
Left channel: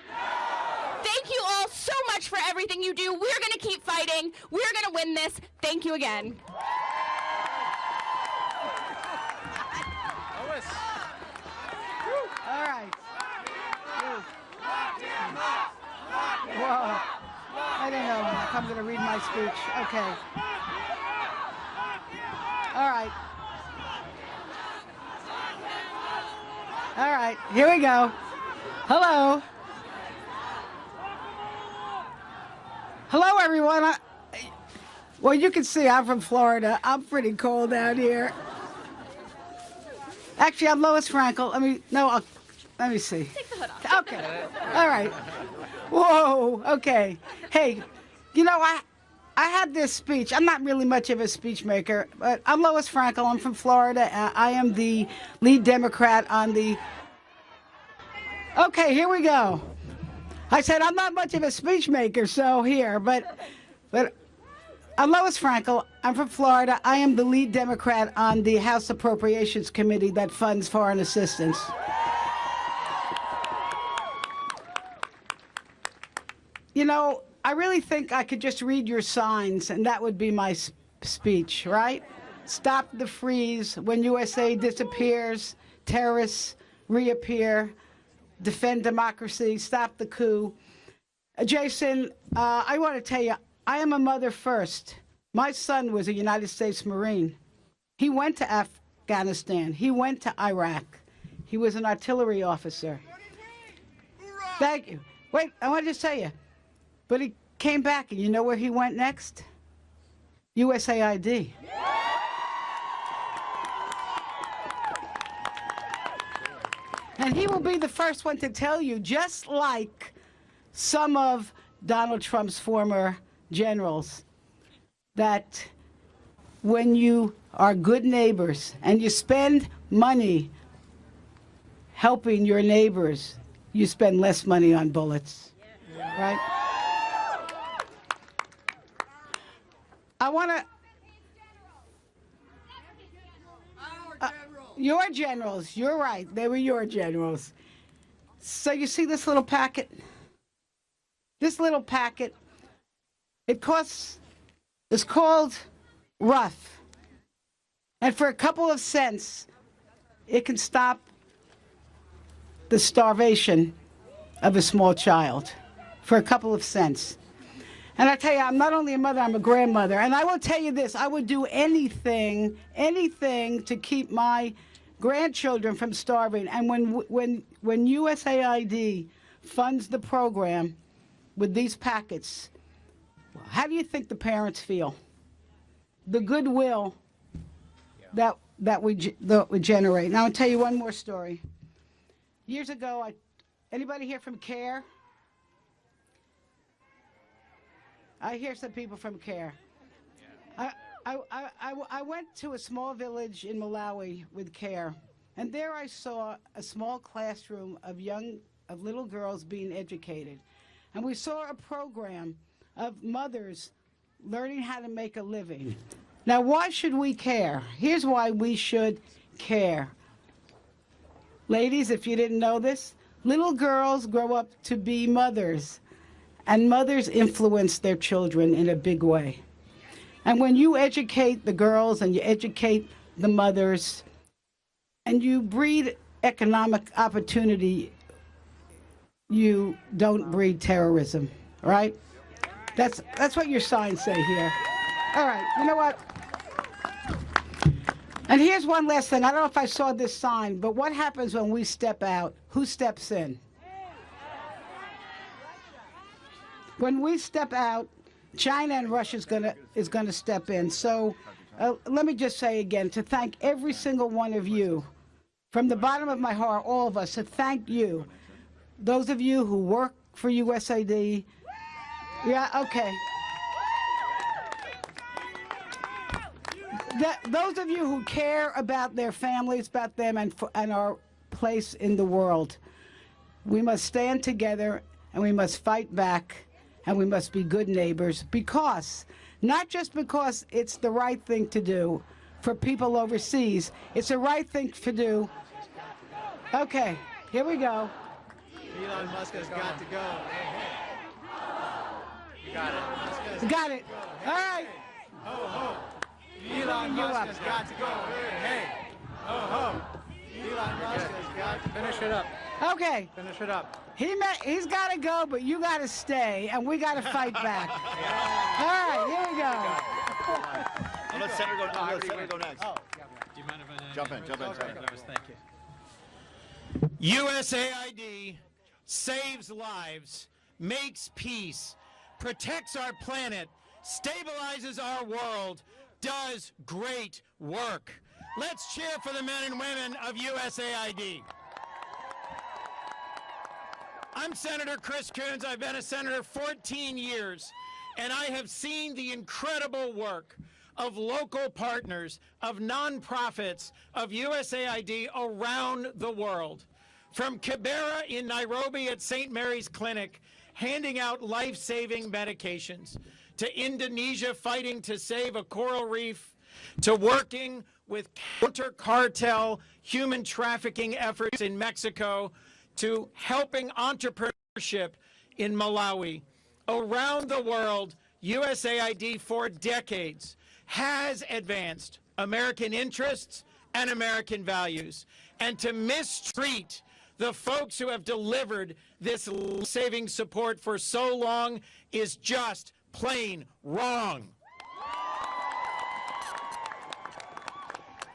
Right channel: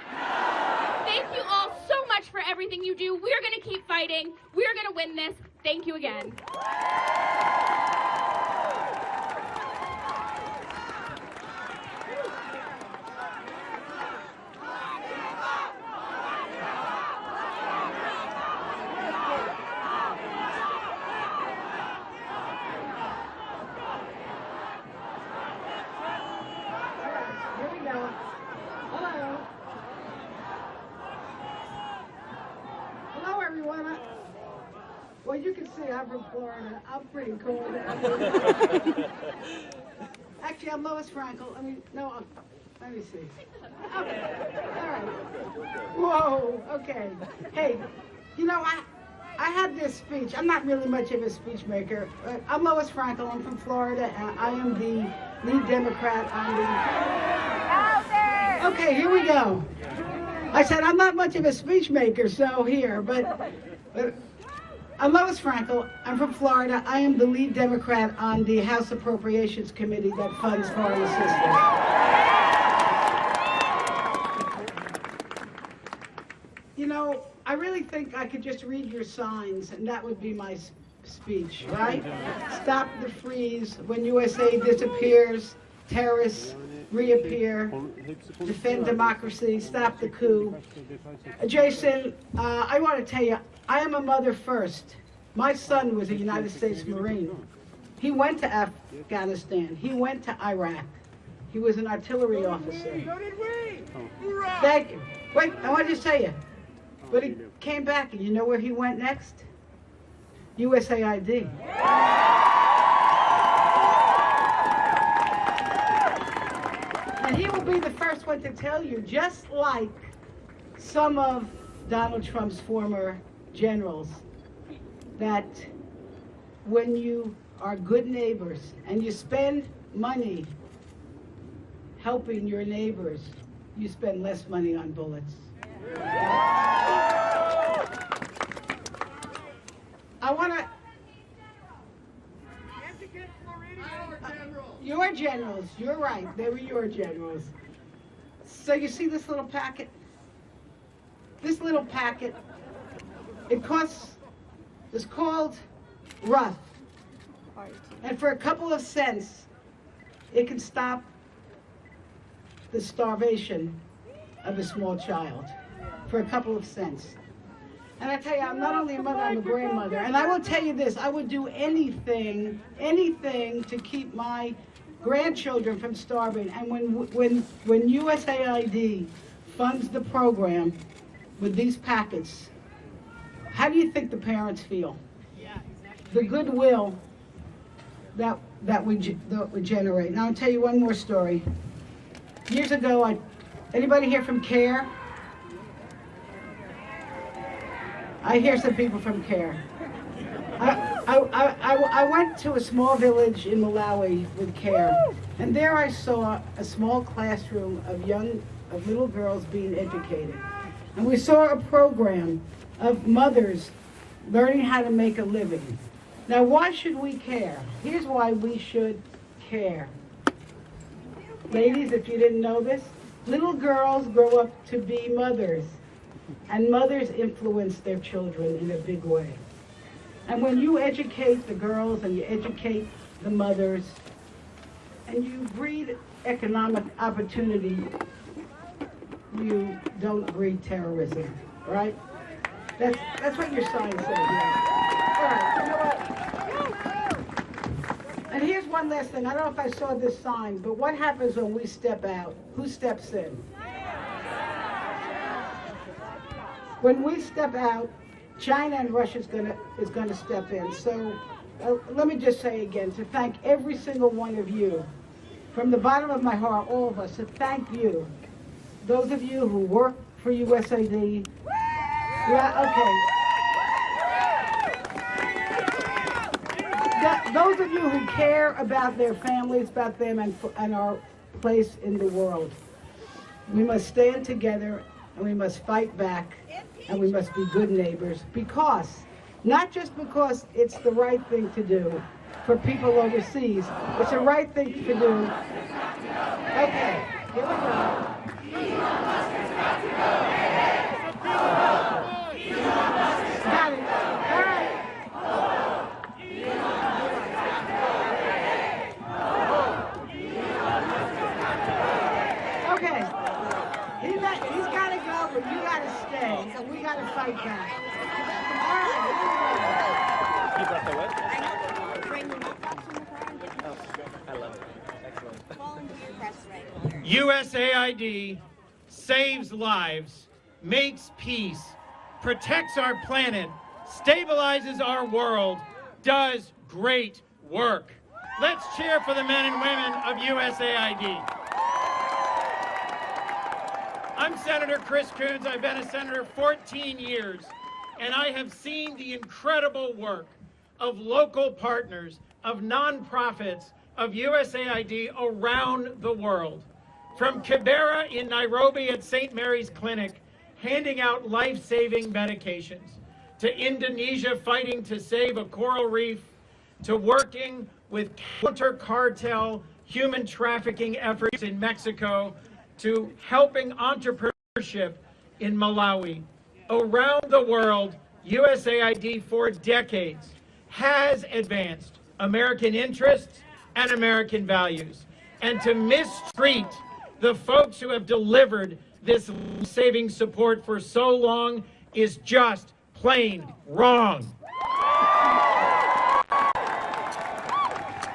Thank you all so much for everything you do. We're going to keep fighting. We're going to win this. Thank you again. Here we go. Hello. Hello, everyone. Well, you can see I'm from Florida. I'm pretty cold down here. Actually, I'm Lois Frankel. Let me see. Take the hood off. Okay. All right. Whoa. Okay. Hey, you know, I had this speech. I'm not really much of a speech maker, but I'm Lois Frankel. I'm from Florida. I am the lead Democrat on the... Okay, here we go. I said I'm not much of a speech maker, so here, but I'm Lois Frankel. I'm from Florida. I am the lead Democrat on the House Appropriations Committee that funds foreign assistance. You know, I really think I could just read your signs, and that would be my speech, right? Stop the freeze. When USA disappears, terrorists reappear. Defend democracy. Stop the coup. Jason, I want to tell you, I am a mother first. My son was a United States Marine. He went to Afghanistan. He went to Iraq. He was an artillery officer. Thank you. Wait, I want to tell you. But he came back, and you know where he went next? USAID. And he will be the first one to tell you, just like some of Donald Trump's former generals, that when you are good neighbors and you spend money helping your neighbors, you spend less money on bullets. Right? I want to... your generals, you're right, they were your generals. So you see this little packet? This little packet, it's called Rough. And for a couple of cents, it can stop the starvation of a small child. For a couple of cents. And I tell you, I'm not only a mother, I'm a grandmother. And I will tell you this, I would do anything to keep my grandchildren from starving. And when USAID funds the program with these packets, how do you think the parents feel? The goodwill that would generate. Now I'll tell you one more story. Years ago, anybody here from CARE? I hear some people from CARE. I went to a small village in Malawi with CARE, and there I saw a small classroom of little girls being educated. And we saw a program of mothers learning how to make a living. Now, why should we care? Here's why we should care. Ladies, if you didn't know this, little girls grow up to be mothers, and mothers influence their children in a big way. And when you educate the girls and you educate the mothers, and you breed economic opportunity, you don't breed terrorism, right? That's what your signs say here. All right, you know what? And here's one last thing. I don't know if I saw this sign, but what happens when we step out? Who steps in? When we step out, China and Russia is going to step in. So let me just say again, to thank every single one of you, from the bottom of my heart, all of us, to thank you. Those of you who work for USAID. Yeah, okay. Those of you who care about their families, about them, and our place in the world. We must stand together, and we must fight back, and we must be good neighbors, because, not just because it's the right thing to do for people overseas, it's the right thing to do. Okay, here we go. Got it. All right. Okay. He's got to go, but you got to stay, and we got to fight back. All right, here we go. USAID saves lives, makes peace, protects our planet, stabilizes our world, does great work. Let's cheer for the men and women of USAID. I'm Senator Chris Coons. I've been a senator 14 years, and I have seen the incredible work of local partners, of nonprofits, of USAID around the world. From Kibera in Nairobi at St. Mary's Clinic, handing out life-saving medications, to Indonesia fighting to save a coral reef, to working with counter-cartel human trafficking efforts in Mexico, to helping entrepreneurship in Malawi. Around the world, USAID for decades has advanced American interests and American values. And to mistreat the folks who have delivered this saving support for so long is just plain wrong.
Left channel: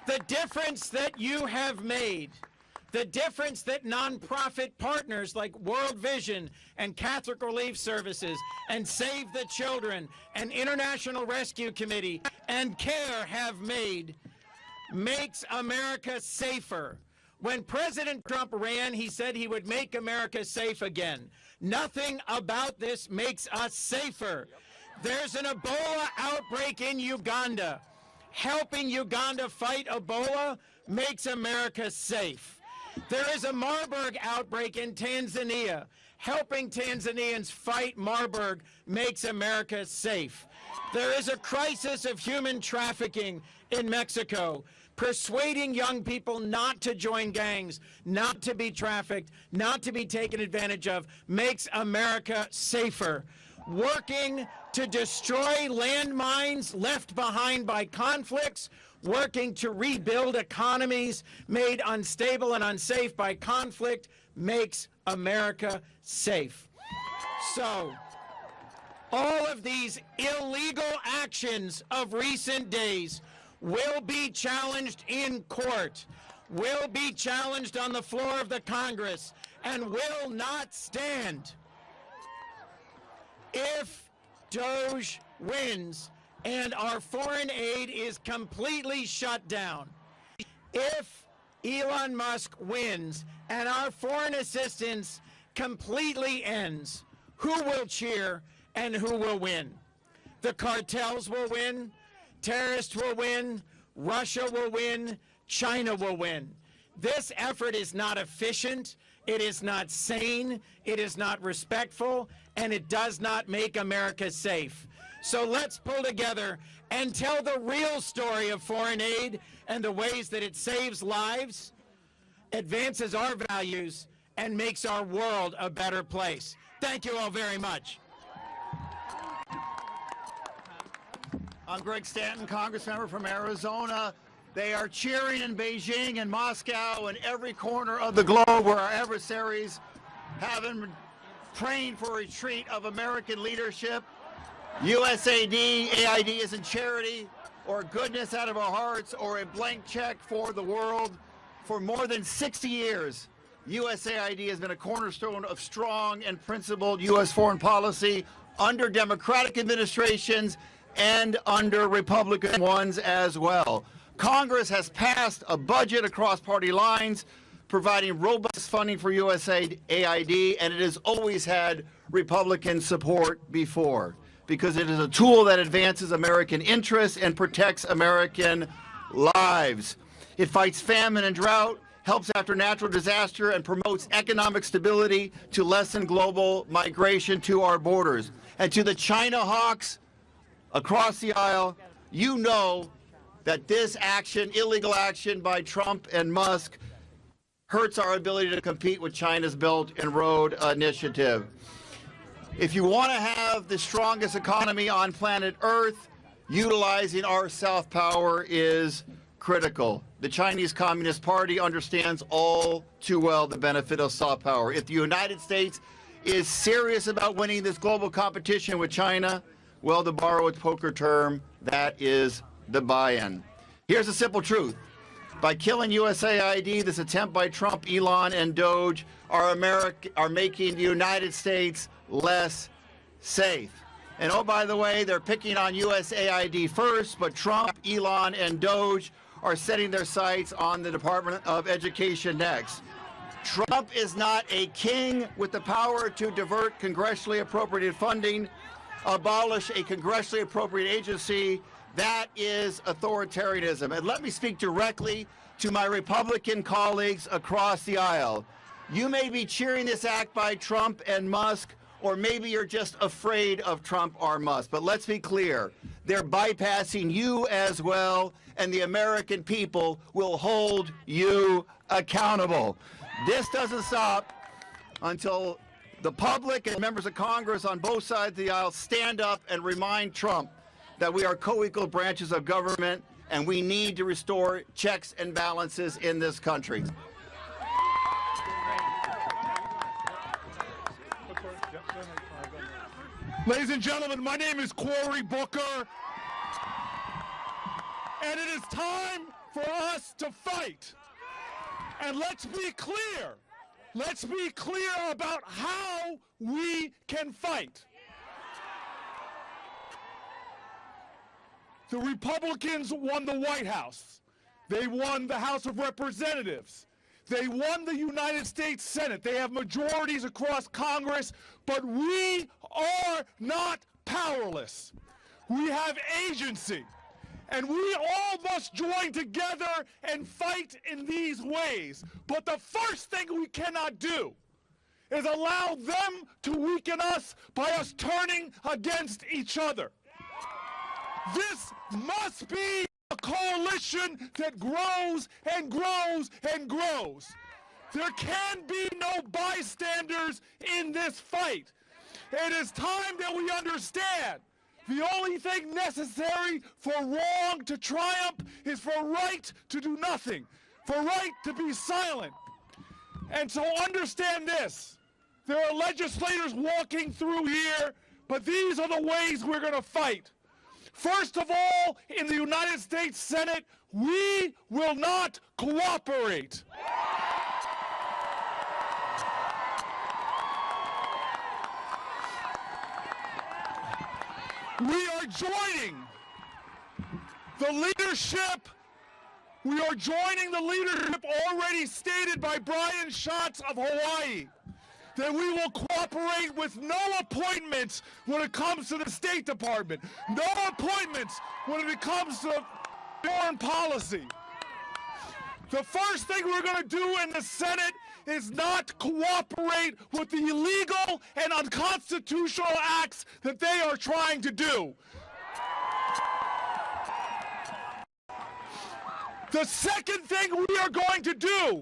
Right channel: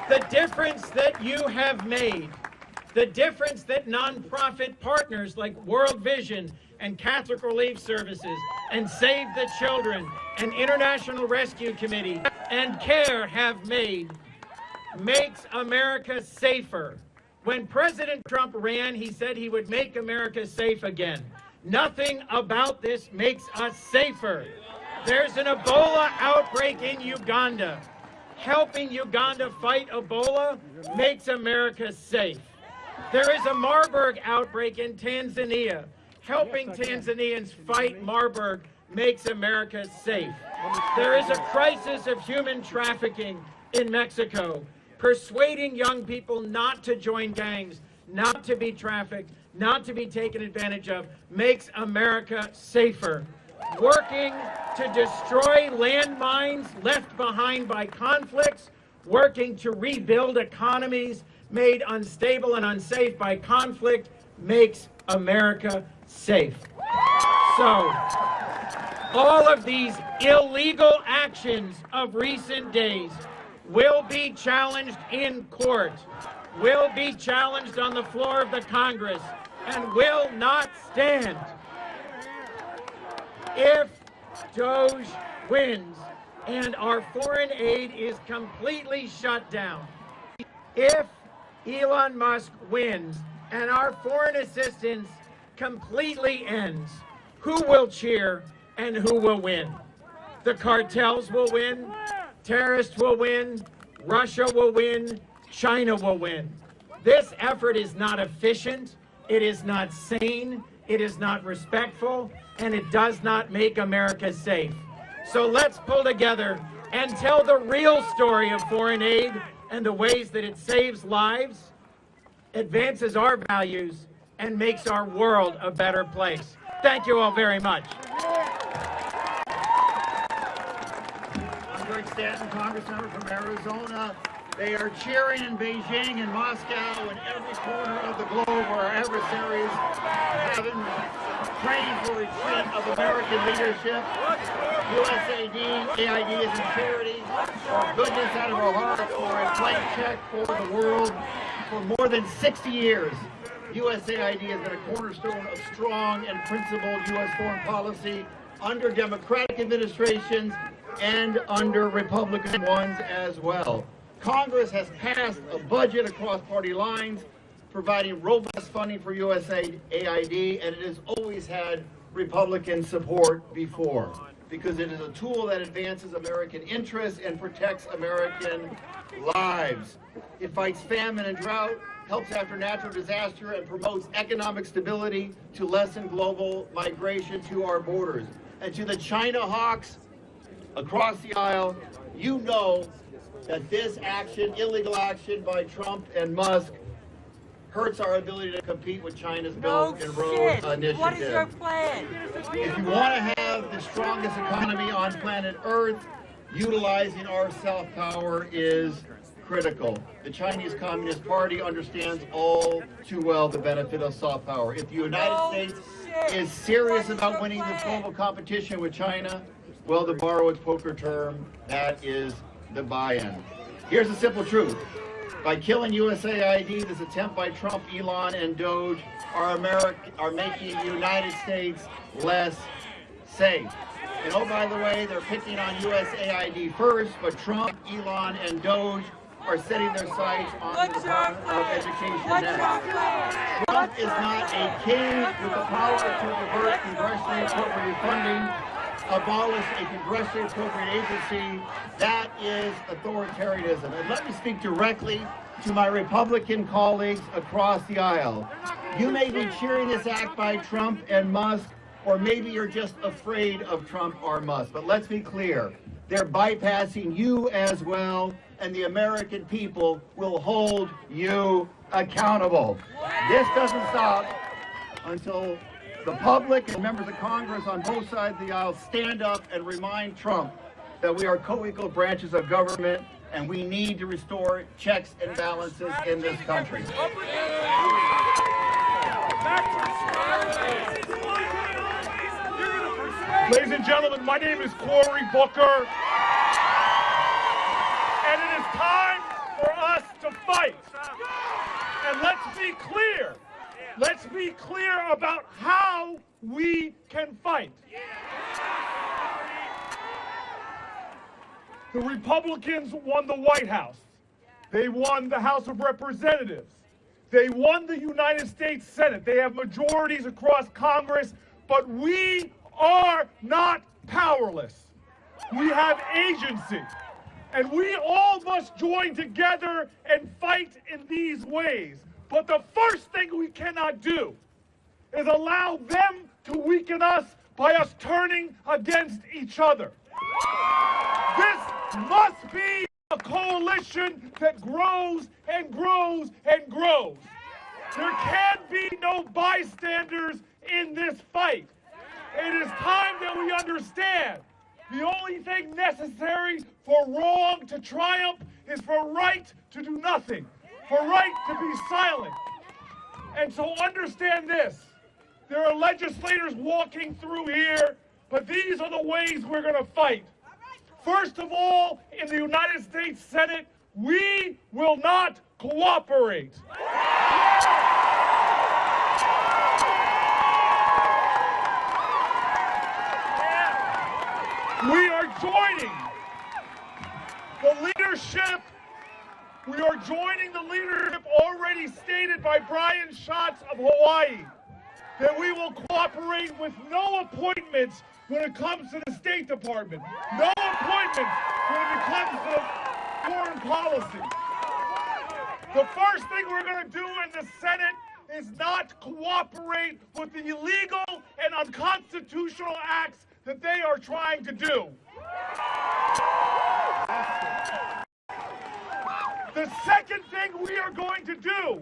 The difference that you have made, the difference that nonprofit partners like World Vision and Catholic Relief Services and Save the Children and International Rescue Committee and CARE have made makes America safer. When President Trump ran, he said he would make America safe again. Nothing about this makes us safer. There's an Ebola outbreak in Uganda. Helping Uganda fight Ebola makes America safe. There is a Marburg outbreak in Tanzania. Helping Tanzanians fight Marburg makes America safe. There is a crisis of human trafficking in Mexico. persuading young people not to join gangs, not to be trafficked, not to be taken advantage of, makes America safer. Working to destroy landmines left behind by conflicts, working to rebuild economies made unstable and unsafe by conflict, makes America safe. So, all of these illegal actions of recent days will be challenged in court, will be challenged on the floor of the Congress, and will not stand. If Doge wins and our foreign aid is completely shut down, if Elon Musk wins and our foreign assistance completely ends, who will cheer and who will win? The cartels will win, terrorists will win, Russia will win, China will win. This effort is not efficient, it is not sane, it is not respectful, and it does not make America safe. So let's pull together and tell the real story of foreign aid and the ways that it saves lives, advances our values, and makes our world a better place. Thank you all very much. I'm Greg Stanton, Congressmember from Arizona. They are cheering in Beijing and Moscow and every corner of the globe where our adversaries haven't trained for a retreat of American leadership. USAID, AID is a charity for goodness out of our hearts, for a blank check for the world. For more than 60 years, USAID has been a cornerstone of strong and principled U.S. foreign policy under Democratic administrations and under Republican ones as well. Congress has passed a budget across party lines, providing robust funding for USAID, and it has always had Republican support before, because it is a tool that advances American interests and protects American lives. It fights famine and drought, helps after natural disaster, and promotes economic stability to lessen global migration to our borders. And to the China hawks across the aisle, you know that this action, illegal action by Trump and Musk, hurts our ability to compete with China's Belt and Road Initiative. What is your plan? If you want to have the strongest economy on planet Earth, utilizing our soft power is critical. The Chinese Communist Party understands all too well the benefit of soft power. If the United States is serious about winning this global competition with China, well, to borrow a poker term, that is the buy-in. Here's the simple truth. By killing USAID, this attempt by Trump, Elon, and Doge are making the United States less safe. And oh, by the way, they're picking on USAID first, but Trump, Elon, and Doge are setting their sights on the Department of Education next. Trump is not a king with the power to divert congressionally appropriated funding, abolish a congressionally appropriate agency. That is authoritarianism. And let me speak directly to my Republican colleagues across the aisle. You may be cheering this act by Trump and Musk, or maybe you're just afraid of Trump or Musk. But let's be clear, they're bypassing you as well, and the American people will hold you accountable. This doesn't stop until the public and members of Congress on both sides of the aisle stand up and remind Trump that we are co-equal branches of government and we need to restore checks and balances in this country. Ladies and gentlemen, my name is Cory Booker, and it is time for us to fight. And let's be clear. Let's be clear about how we can fight. The Republicans won the White House. They won the House of Representatives. They won the United States Senate. They have majorities across Congress, but we are not powerless. We have agency. And we all must join together and fight in these ways. But the first thing we cannot do is allow them to weaken us by us turning against each other. This must be a coalition that grows and grows and grows. There can be no bystanders in this fight. It is time that we understand the only thing necessary for wrong to triumph is for right to do nothing, for right to be silent. And so understand this. There are legislators walking through here, but these are the ways we're going to fight. First of all, in the United States Senate, we will not cooperate. We are joining the leadership. We are joining the leadership already stated by Brian Schatz of Hawaii, that we will cooperate with no appointments when it comes to the State Department, no appointments when it comes to foreign policy. The first thing we're going to do in the Senate is not cooperate with the illegal and unconstitutional acts that they are trying to do. The second thing we are going to do,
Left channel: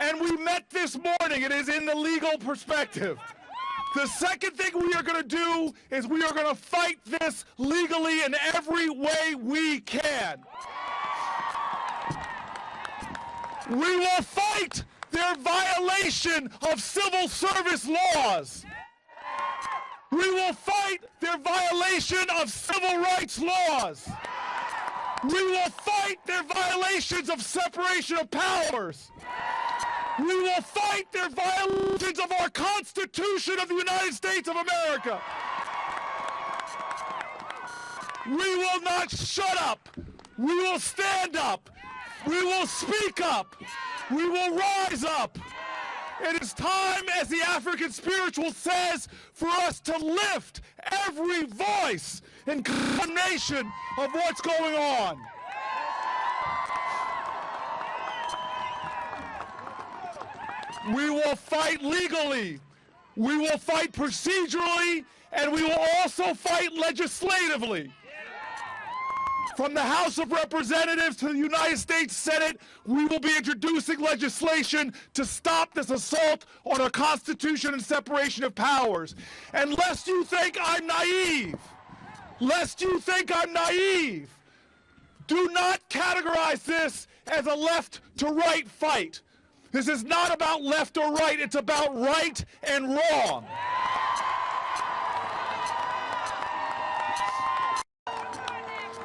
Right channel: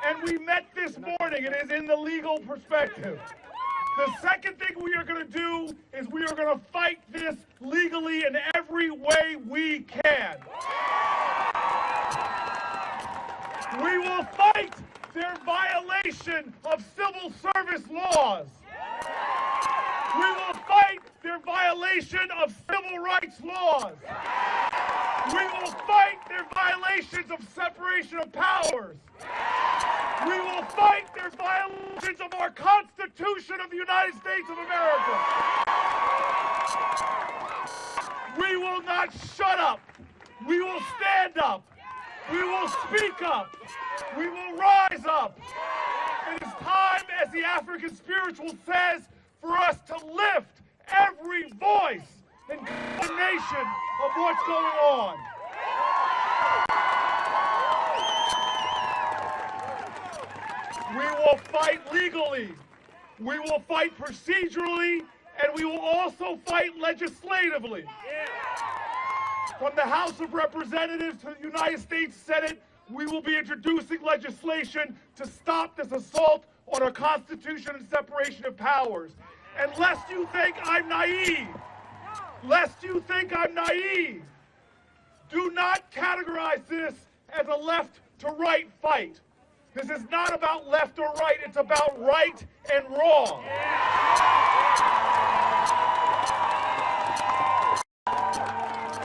and we met this morning, it is in the legal perspective. The second thing we are going to do is we are going to fight this legally in every way we can. We will fight their violation of civil service laws. We will fight their violation of civil rights laws. We will fight their violations of separation of powers. We will fight their violations of our Constitution of the United States of America. We will not shut up. We will stand up. We will speak up. We will rise up. It is time, as the African spiritual says, for us to lift every voice in condemnation of what's going on. We will fight legally. We will fight procedurally, and we will also fight legislatively. From the House of Representatives to the United States Senate, we will be introducing legislation to stop this assault on our Constitution and separation of powers. And lest you think I'm naive, do not categorize this as a left to right fight. This is not about left or right, it's about right and wrong.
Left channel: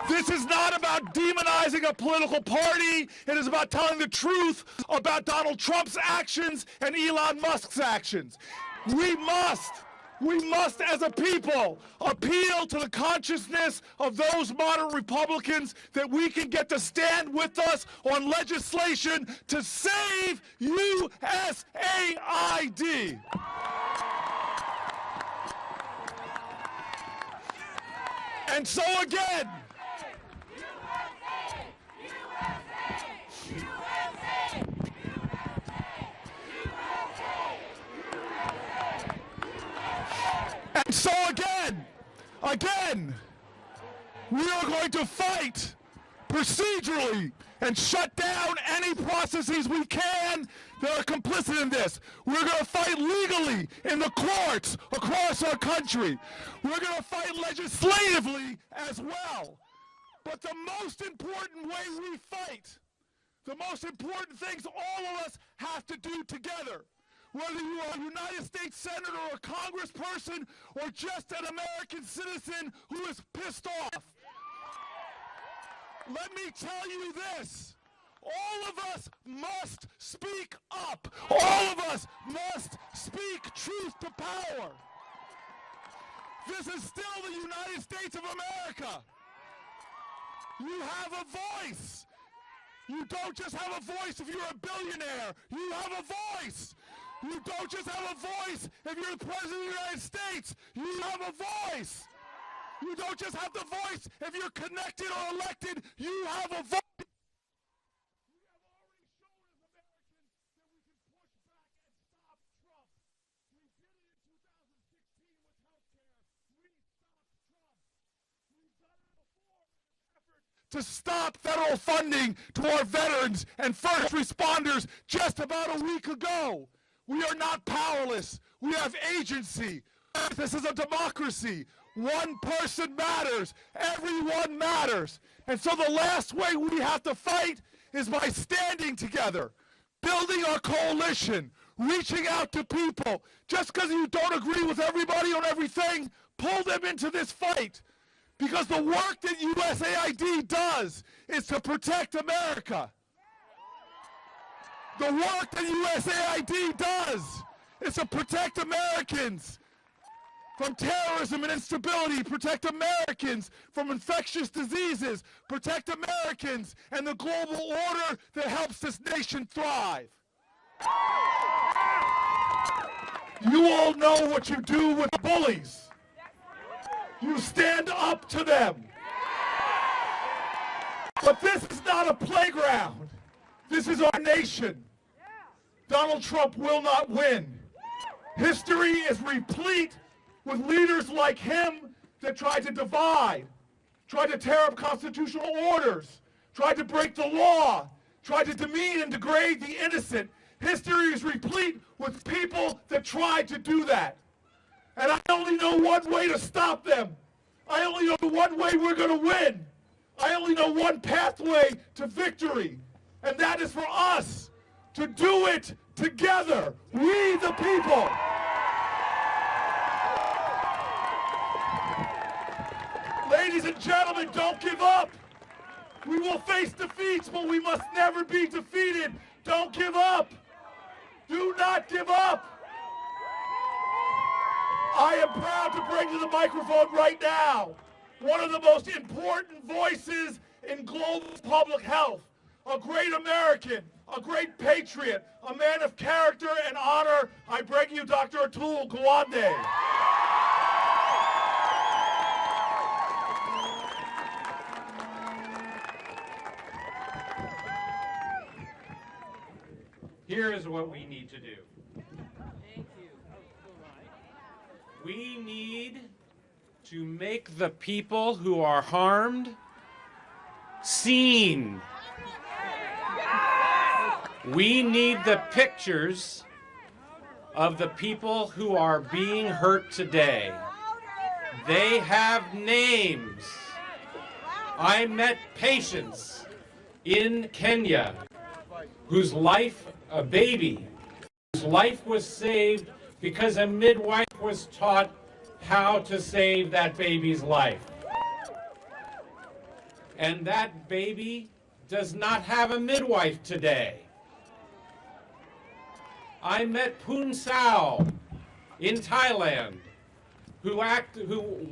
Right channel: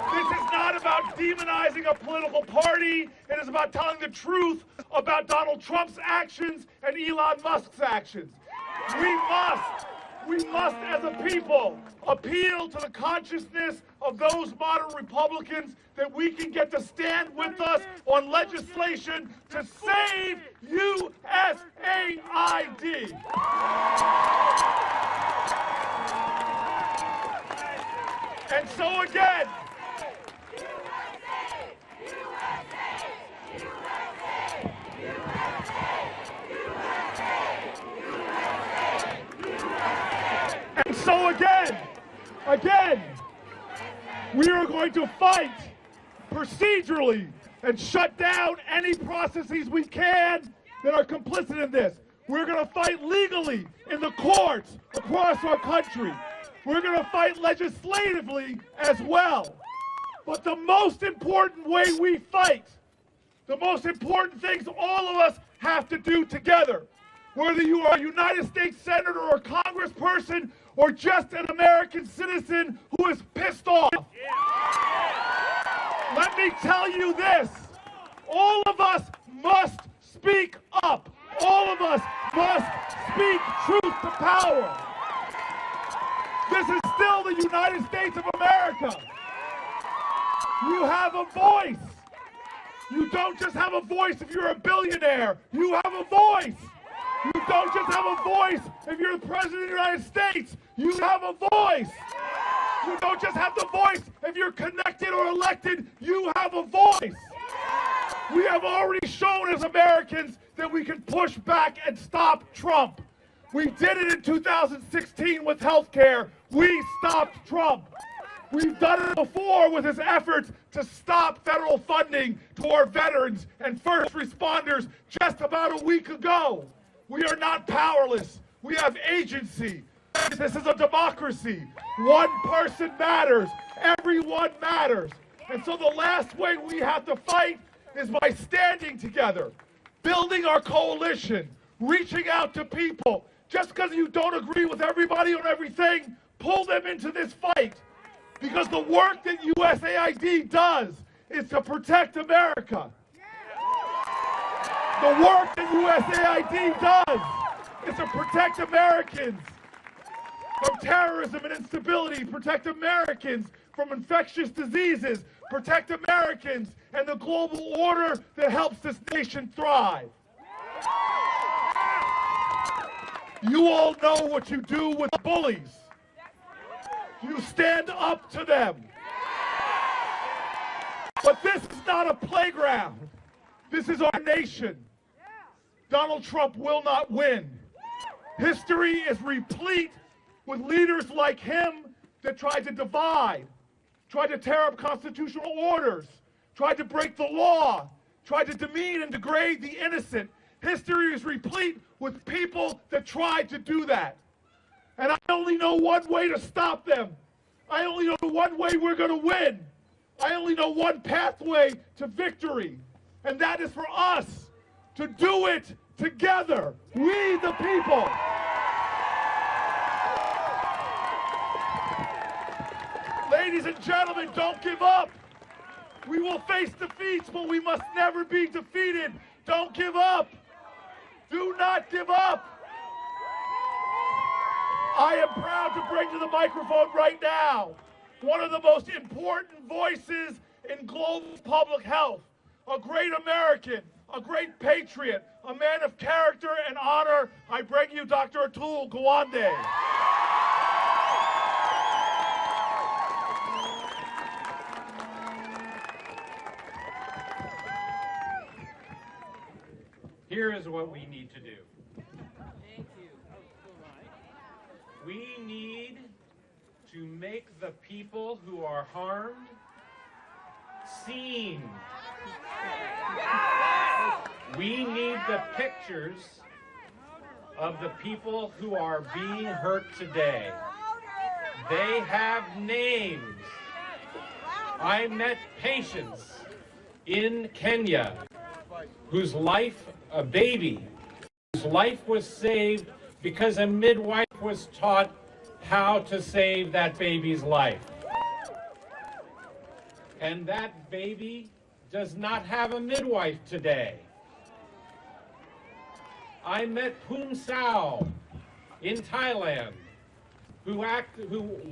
This is not about demonizing a political party. It is about telling the truth about Donald Trump's actions and Elon Musk's actions. We must as a people appeal to the consciousness of those moderate Republicans that we can get to stand with us on legislation to save USAID. And so again, we are going to fight procedurally and shut down any processes we can that are complicit in this. We're going to fight legally in the courts across our country. We're going to fight legislatively as well. But the most important way we fight, the most important things all of us have to do together, whether you are a United States Senator or Congressperson or just an American citizen who is pissed off. Let me tell you this. All of us must speak up. All of us must speak truth to power. This is still the United States of America. You have a voice. You don't just have a voice if you're a billionaire. You have a voice. You don't just have a voice if you're the President of the United States. You have a voice. You don't just have the voice if you're connected or elected. You have a voice. We have already shown as Americans that we can push back and stop Trump. We did it in 2016 with health care. We stopped Trump. We've done it before with his efforts to stop federal funding to our veterans and first responders just about a week ago. We are not powerless. We have agency. This is a democracy. One person matters. Everyone matters. And so the last way we have to fight is by standing together, building our coalition, reaching out to people. Just because you don't agree with everybody on everything, pull them into this fight. Because the work that USAID does is to protect America. The work that USAID does is to protect Americans from terrorism and instability, protect Americans from infectious diseases, protect Americans and the global order that helps this nation thrive. You all know what you do with bullies. You stand up to them. But this is not a playground. This is our nation. Donald Trump will not win. History is replete with leaders like him that tried to divide, tried to tear up constitutional orders, tried to break the law, tried to demean and degrade the innocent. History is replete with people that tried to do that. And I only know one way to stop them. I only know one way we're going to win. I only know one pathway to victory. And that is for us to do it together. We the people. Ladies and gentlemen, don't give up. We will face defeats, but we must never be defeated. Don't give up. Do not give up. I am proud to bring to the microphone right now one of the most important voices in global public health, a great American, a great patriot, a man of character and honor. I bring you Dr. Atul Gawande. Here is what we need to do. We need to make the people who are harmed seen. We need the pictures of the people who are being hurt today. They have names. I met patients in Kenya whose life, a baby, whose life was saved because a midwife was taught how to save that baby's life. And that baby does not have a midwife today. I met Poon Sao in Thailand, who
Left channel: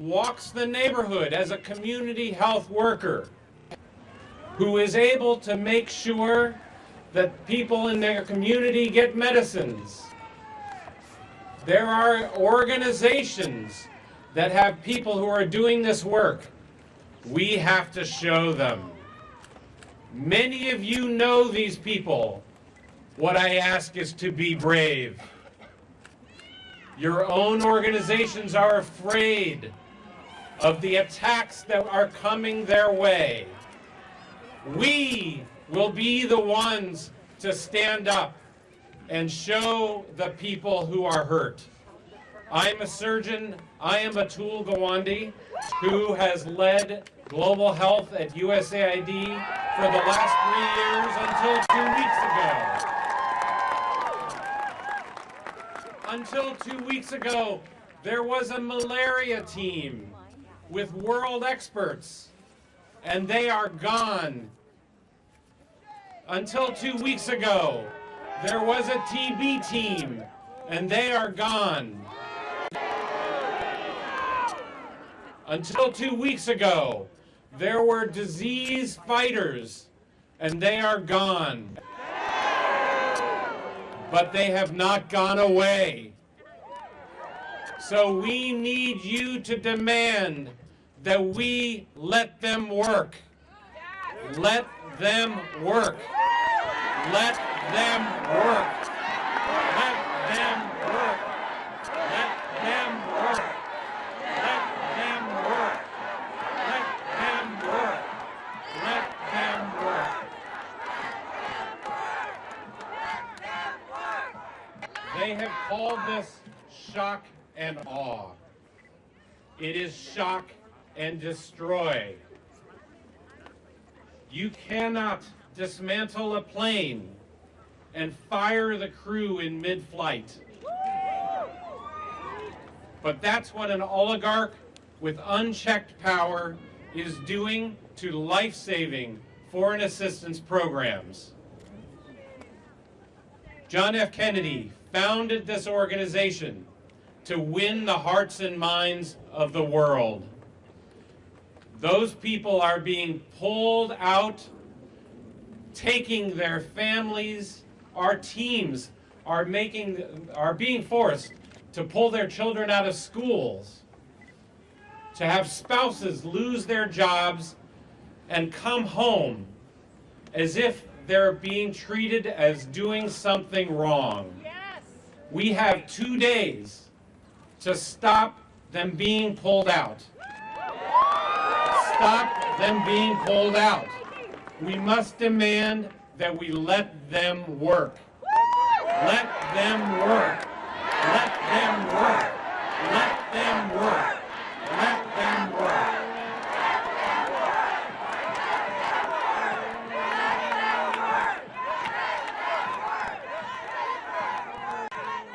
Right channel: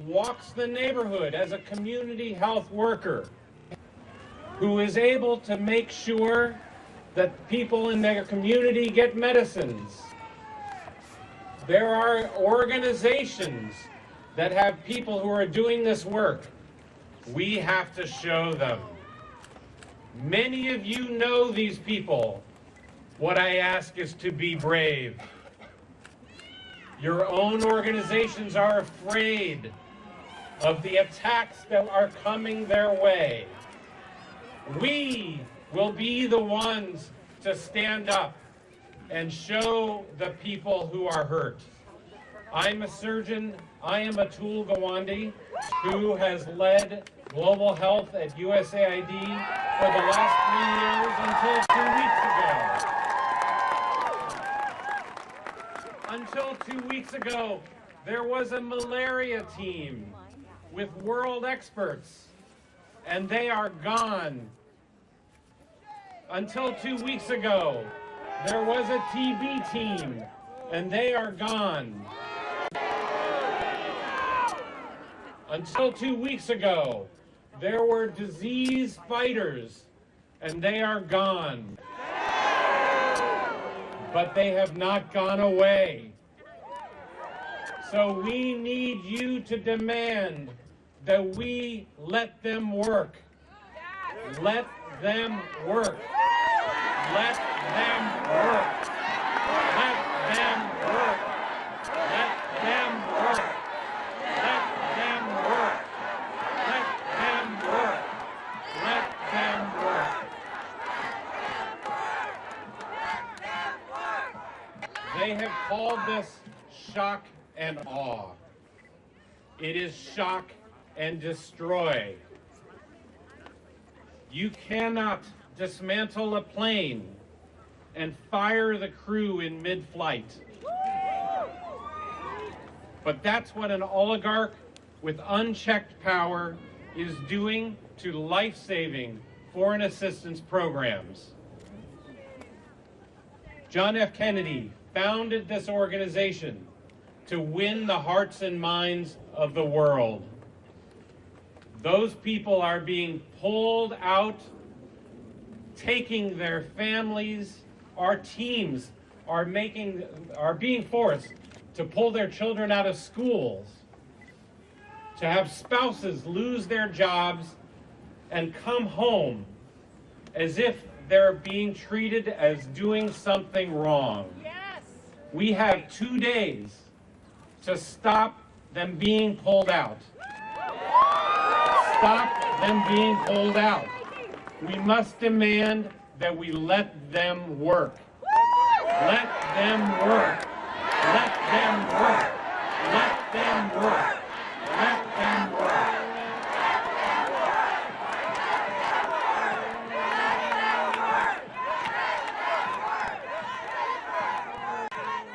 walks the neighborhood as a community health worker, who is able to make sure that people in their community get medicines. There are organizations that have people who are doing this work. We have to show them. Many of you know these people. What I ask is to be brave. Your own organizations are afraid of the attacks that are coming their way. We will be the ones to stand up and show the people who are hurt. I'm a surgeon. I am Atul Gawande, who has led global health at USAID for the last 3 years until 2 weeks ago. Until 2 weeks ago, there was a malaria team with world experts, and they are gone. Until 2 weeks ago, there was a TB team, and they are gone. Until 2 weeks ago, there were disease fighters, and they are gone. But they have not gone away. So we need you to demand that we let them work. Let them work. Let them work. Let them work. Let them work. Let them work. They have called this shock and awe. It is shock and destroy. You cannot dismantle a plane and fire the crew in mid-flight. But that's what an oligarch with unchecked power is doing to life-saving foreign assistance programs. John F. Kennedy founded this organization to win the hearts and minds of the world. Those people are being pulled out, taking their families. Our teams are being forced to pull their children out of schools, to have spouses lose their jobs and come home as if they're being treated as doing something wrong. Yes. We have 2 days to stop them being pulled out. Stop them being pulled out. We must demand that we let them work. Let them work. Let them work. Let them work. Let them work.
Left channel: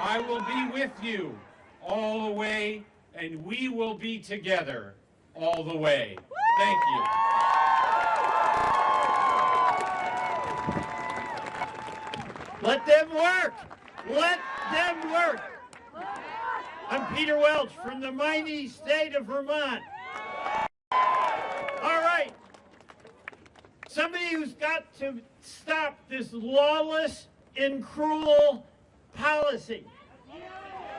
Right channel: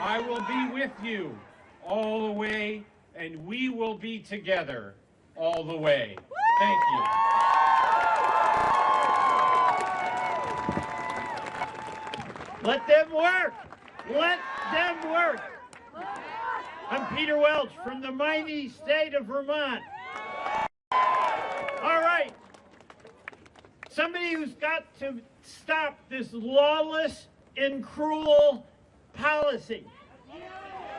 I will be with you all the way, and we will be together all the way. Thank you. Let them work. Let them work. I'm Peter Welch from the mighty state of Vermont. All right. Somebody who's got to stop this lawless and cruel policy.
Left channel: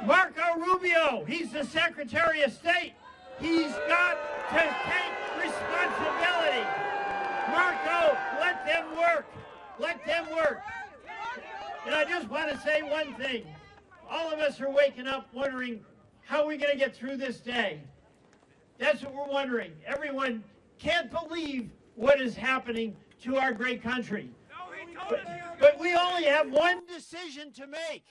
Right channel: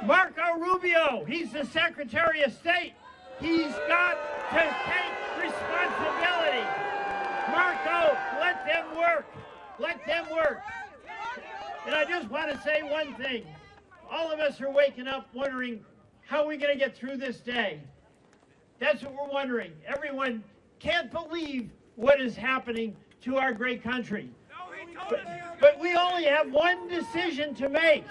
Marco Rubio, he's the Secretary of State. He's got to take responsibility. Marco, let them work. Let them work. And I just want to say one thing. All of us are waking up wondering, how are we going to get through this day? That's what we're wondering. Everyone can't believe what is happening to our great country. But we only have one decision to make.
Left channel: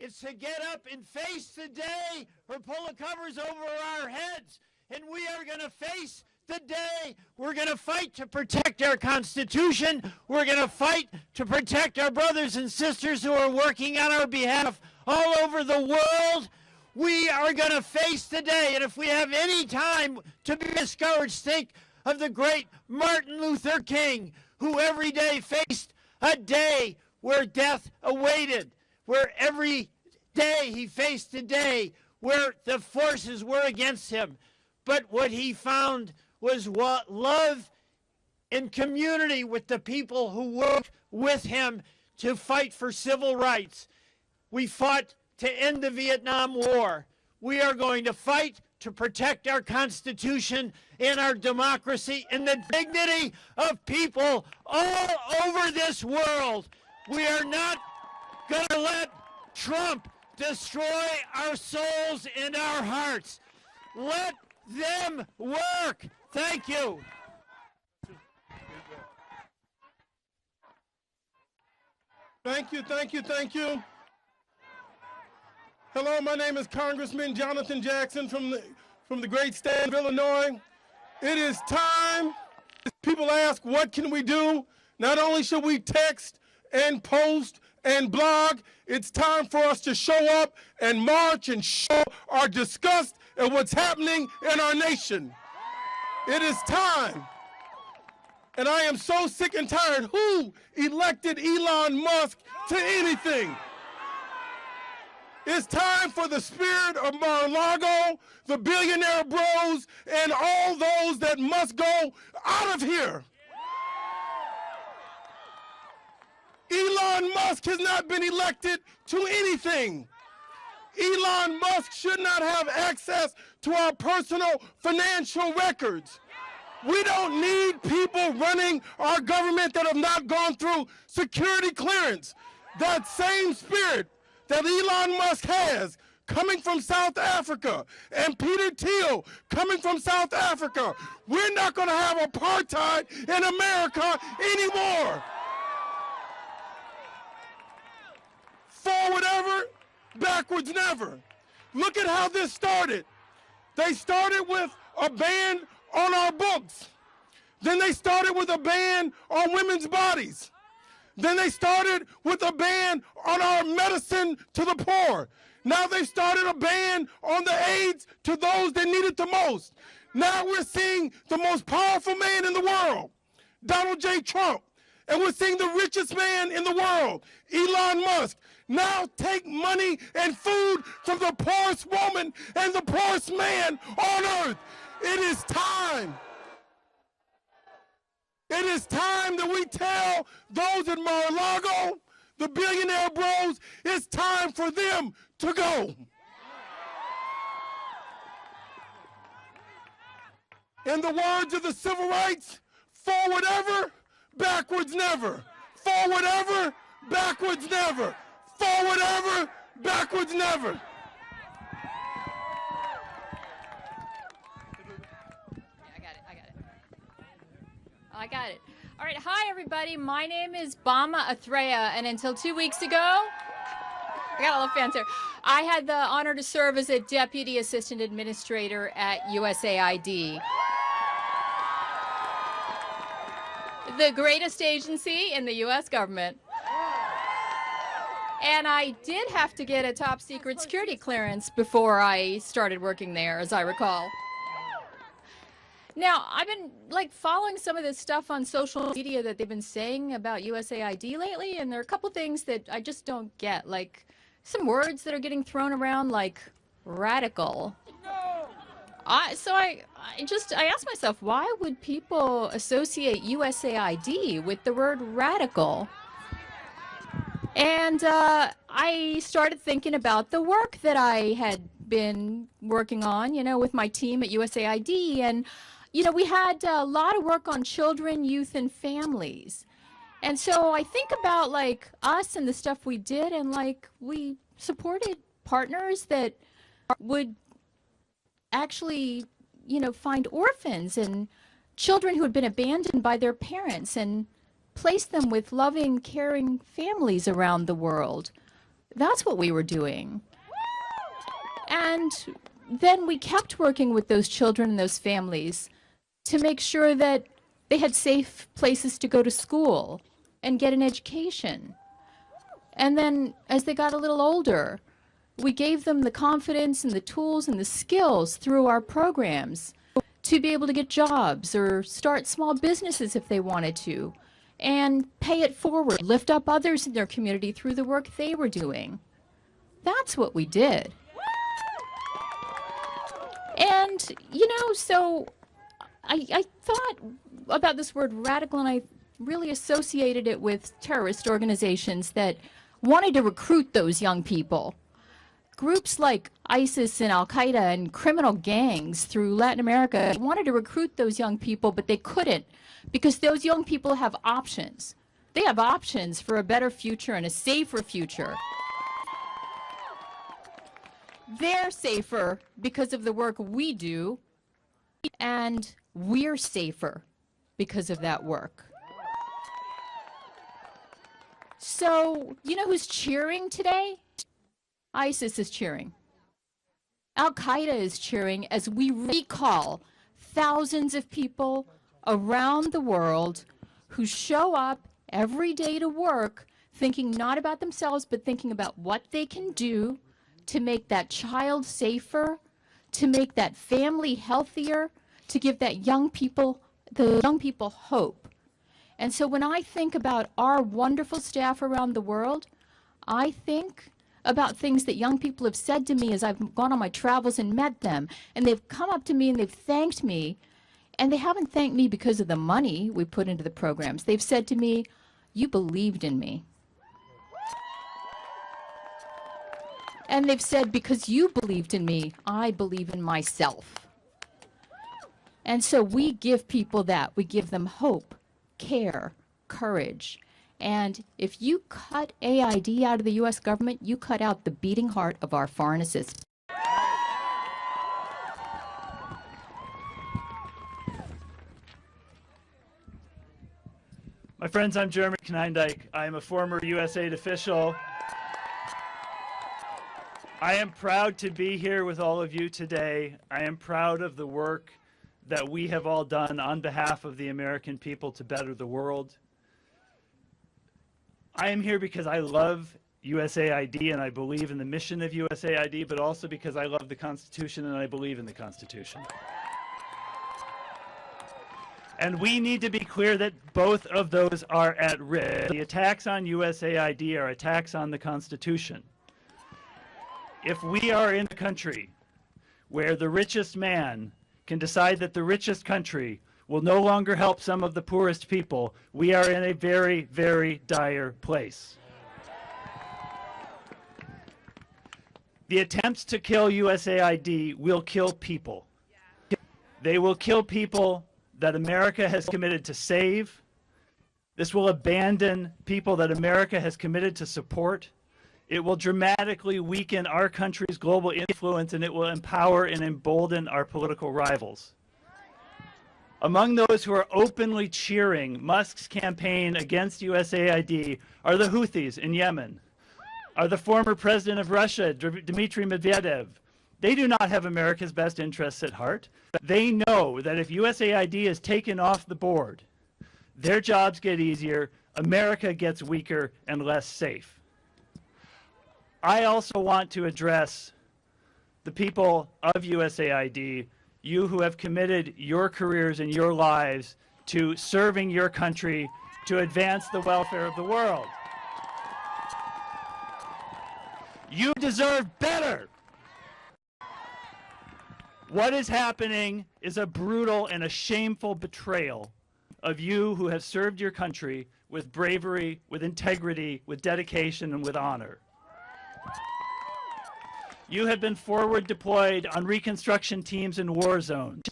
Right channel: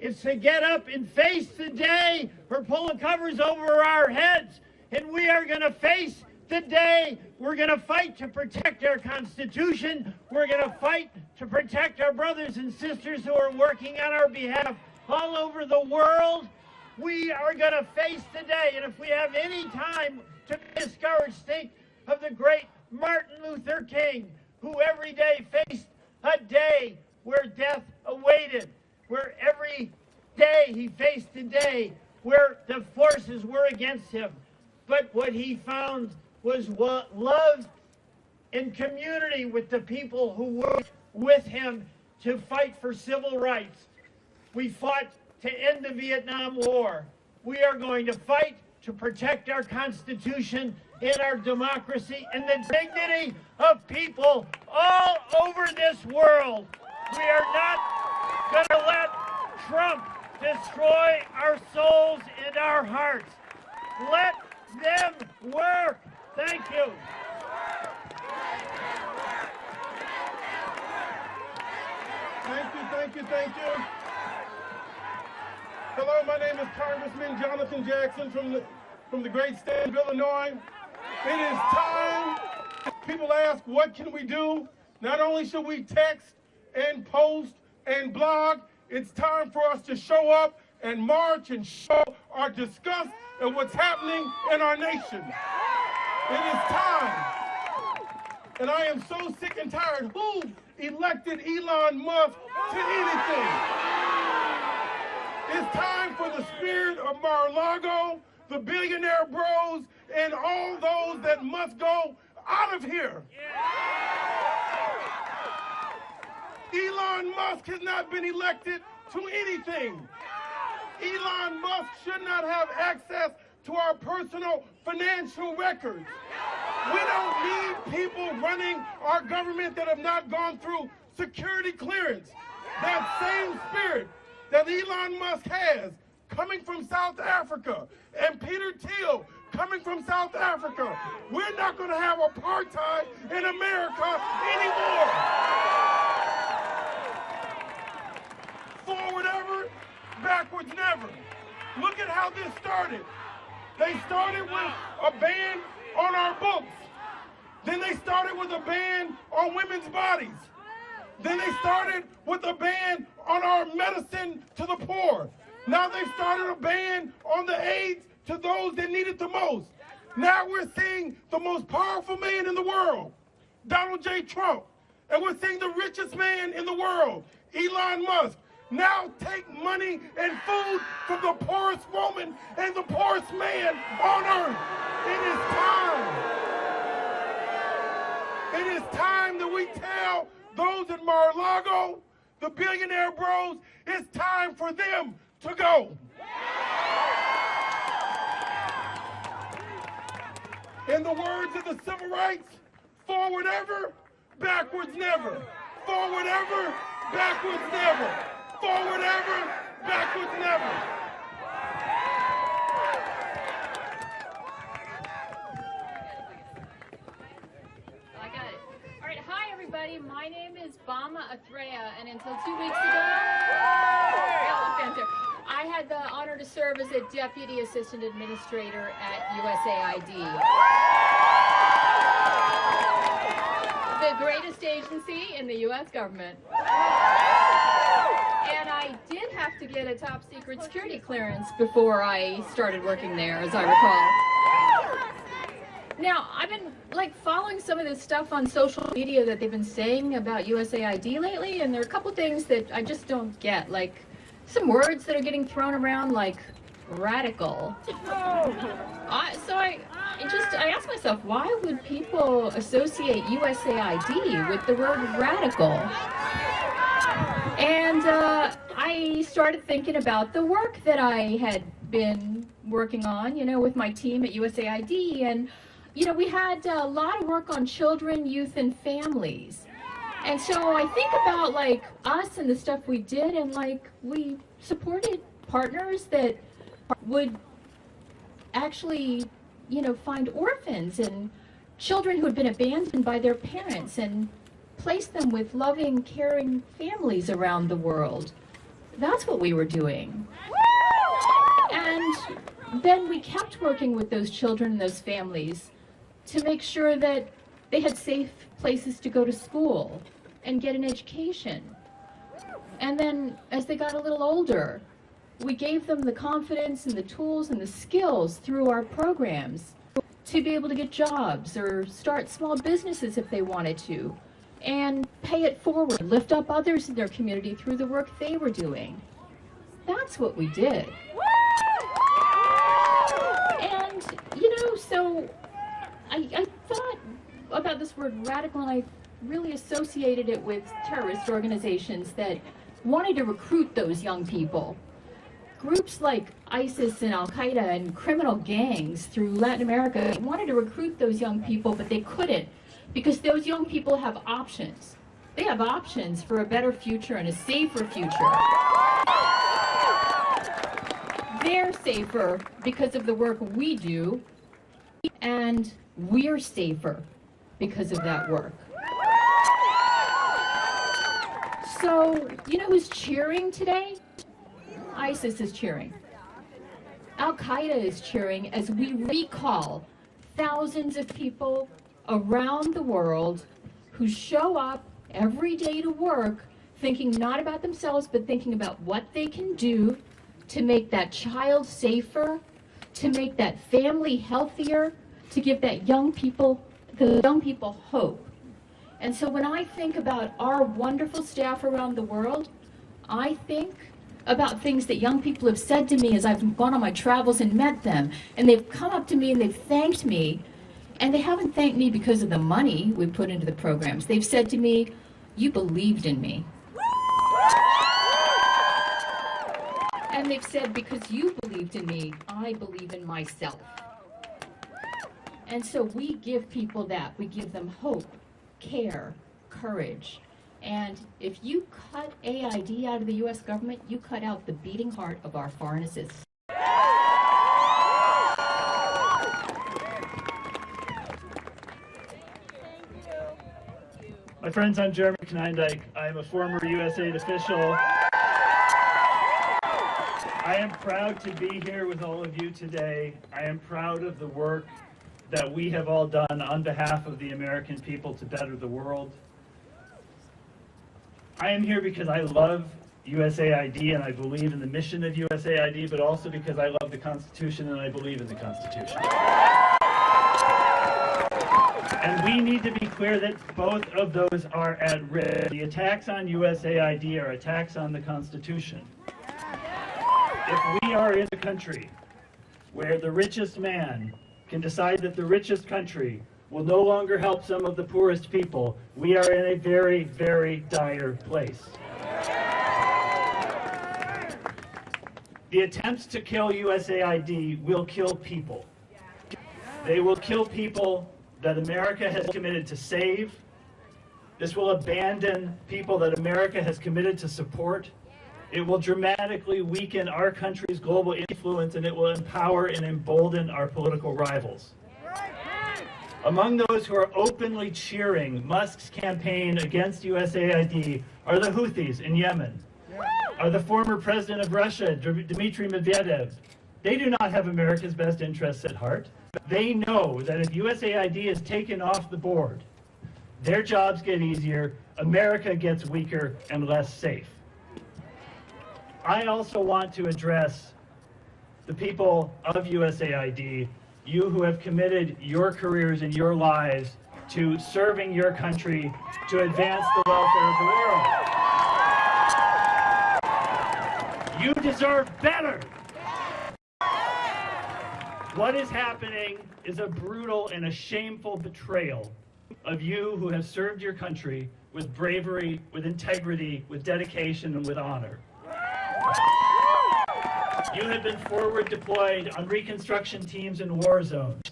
It's to get up and face the day or pull the covers over our heads. And we are going to face the day. We're going to fight to protect our Constitution. We're going to fight to protect our brothers and sisters who are working on our behalf all over the world. We are going to face the day. And if we have any time to be discouraged, think of the great Martin Luther King, who every day faced a day where death awaited, where every day he faced a day where the forces were against him. But what he found was love and community with the people who worked with him to fight for civil rights. We fought to end the Vietnam War. We are going to fight to protect our Constitution and our democracy and the dignity of people all over this world. We are not going to let Trump destroy our souls and our hearts. Let them work. Thank you. Thank you, thank you, thank you. Hello, my name is Congressman Jonathan Jackson from the great state of Illinois. It is time. People ask, what can we do? Not only should we text and post and blog, it's time for us to show up and march and show our disgust at what's happening in our nation. It is time. And I am so sick and tired. Who elected Elon Musk to anything? It's time for the spirit of Mar-a-Lago, the billionaire bros, and all those that must go out of here. Elon Musk has not been elected to anything. Elon Musk should not have access to our personal financial records. We don't need people running our government that have not gone through security clearance. That same spirit that Elon Musk has coming from South Africa and Peter Thiel coming from South Africa. We're not going to have apartheid in America anymore. Forward ever, backwards never. Look at how this started. They started with a ban on our books. Then they started with a ban on women's bodies. Then they started with a ban on our medicine to the poor. Now they've started a ban on the AIDS to those that need it the most. Now we're seeing the most powerful man in the world, Donald J. Trump. And we're seeing the richest man in the world, Elon Musk, now take money and food from the poorest woman and the poorest man on earth. It is time. It is time that we tell those in Mar-a-Lago, the billionaire bros, it's time for them to go. In the words of the civil rights, forward ever, backwards never. Forward ever, backwards never. Forward ever, backwards never. I got it. All right, hi everybody. My name is Bama Athrea, and until 2 weeks ago, I got a little fanfare. I had the honor to serve as a Deputy Assistant Administrator at USAID. The greatest agency in the U.S. government. And I did have to get a top secret security clearance before I started working there, as I recall. Now, I've been following some of this stuff on social media that they've been saying about USAID lately, and there are a couple things that I just don't get, like some words that are getting thrown around, like radical. So I asked myself, why would people associate USAID with the word radical? And I started thinking about the work that I had been working on, with my team at USAID, and we had a lot of work on children, youth, and families. And so I think about us and the stuff we did, and we supported partners that would actually, find orphans and children who had been abandoned by their parents and place them with loving, caring families around the world. That's what we were doing. And then we kept working with those children and those families to make sure that they had safe places to go to school and get an education. And then as they got a little older, we gave them the confidence and the tools and the skills through our programs to be able to get jobs or start small businesses if they wanted to, and pay it forward, lift up others in their community through the work they were doing. That's what we did. And, so I thought about this word radical, and I really associated it with terrorist organizations that wanted to recruit those young people. Groups like ISIS and Al-Qaeda and criminal gangs through Latin America wanted to recruit those young people, but they couldn't, because those young people have options. They have options for a better future and a safer future. They're safer because of the work we do, and we're safer because of that work. So, who's cheering today? ISIS is cheering. Al-Qaeda is cheering as we recall thousands of people around the world who show up every day to work thinking not about themselves, but thinking about what they can do to make that child safer, to make that family healthier, to give the young people hope. And so when I think about our wonderful staff around the world, I think about things that young people have said to me as I've gone on my travels and met them. And they've come up to me and they've thanked me. And they haven't thanked me because of the money we put into the programs. They've said to me, you believed in me. And they've said, because you believed in me, I believe in myself. And so we give people that. We give them hope, care, courage. And if you cut AID out of the U.S. government, you cut out the beating heart of our foreign assistance. My friends, I'm Jeremy Knindike. I'm a former USAID official. I am proud to be here with all of you today. I am proud of the work that we have all done on behalf of the American people to better the world. I am here because I love USAID and I believe in the mission of USAID, but also because I love the Constitution and I believe in the Constitution. And we need to be clear that both of those are at risk. The attacks on USAID are attacks on the Constitution. If we are in a country where the richest man can decide that the richest country will no longer help some of the poorest people, we are in a very, very dire place. The attempts to kill USAID will kill people. They will kill people that America has committed to save. This will abandon people that America has committed to support. It will dramatically weaken our country's global influence, and it will empower and embolden our political rivals. Among those who are openly cheering Musk's campaign against USAID are the Houthis in Yemen, are the former president of Russia, Dmitry Medvedev. They do not have America's best interests at heart. They know that if USAID is taken off the board, their jobs get easier, America gets weaker and less safe. I also want to address the people of USAID, you who have committed your careers and your lives to serving your country to advance the welfare of the world. You deserve better. What is happening is a brutal and a shameful betrayal of you who have served your country with bravery, with integrity, with dedication, and with honor. You have been forward deployed on reconstruction teams in war zones.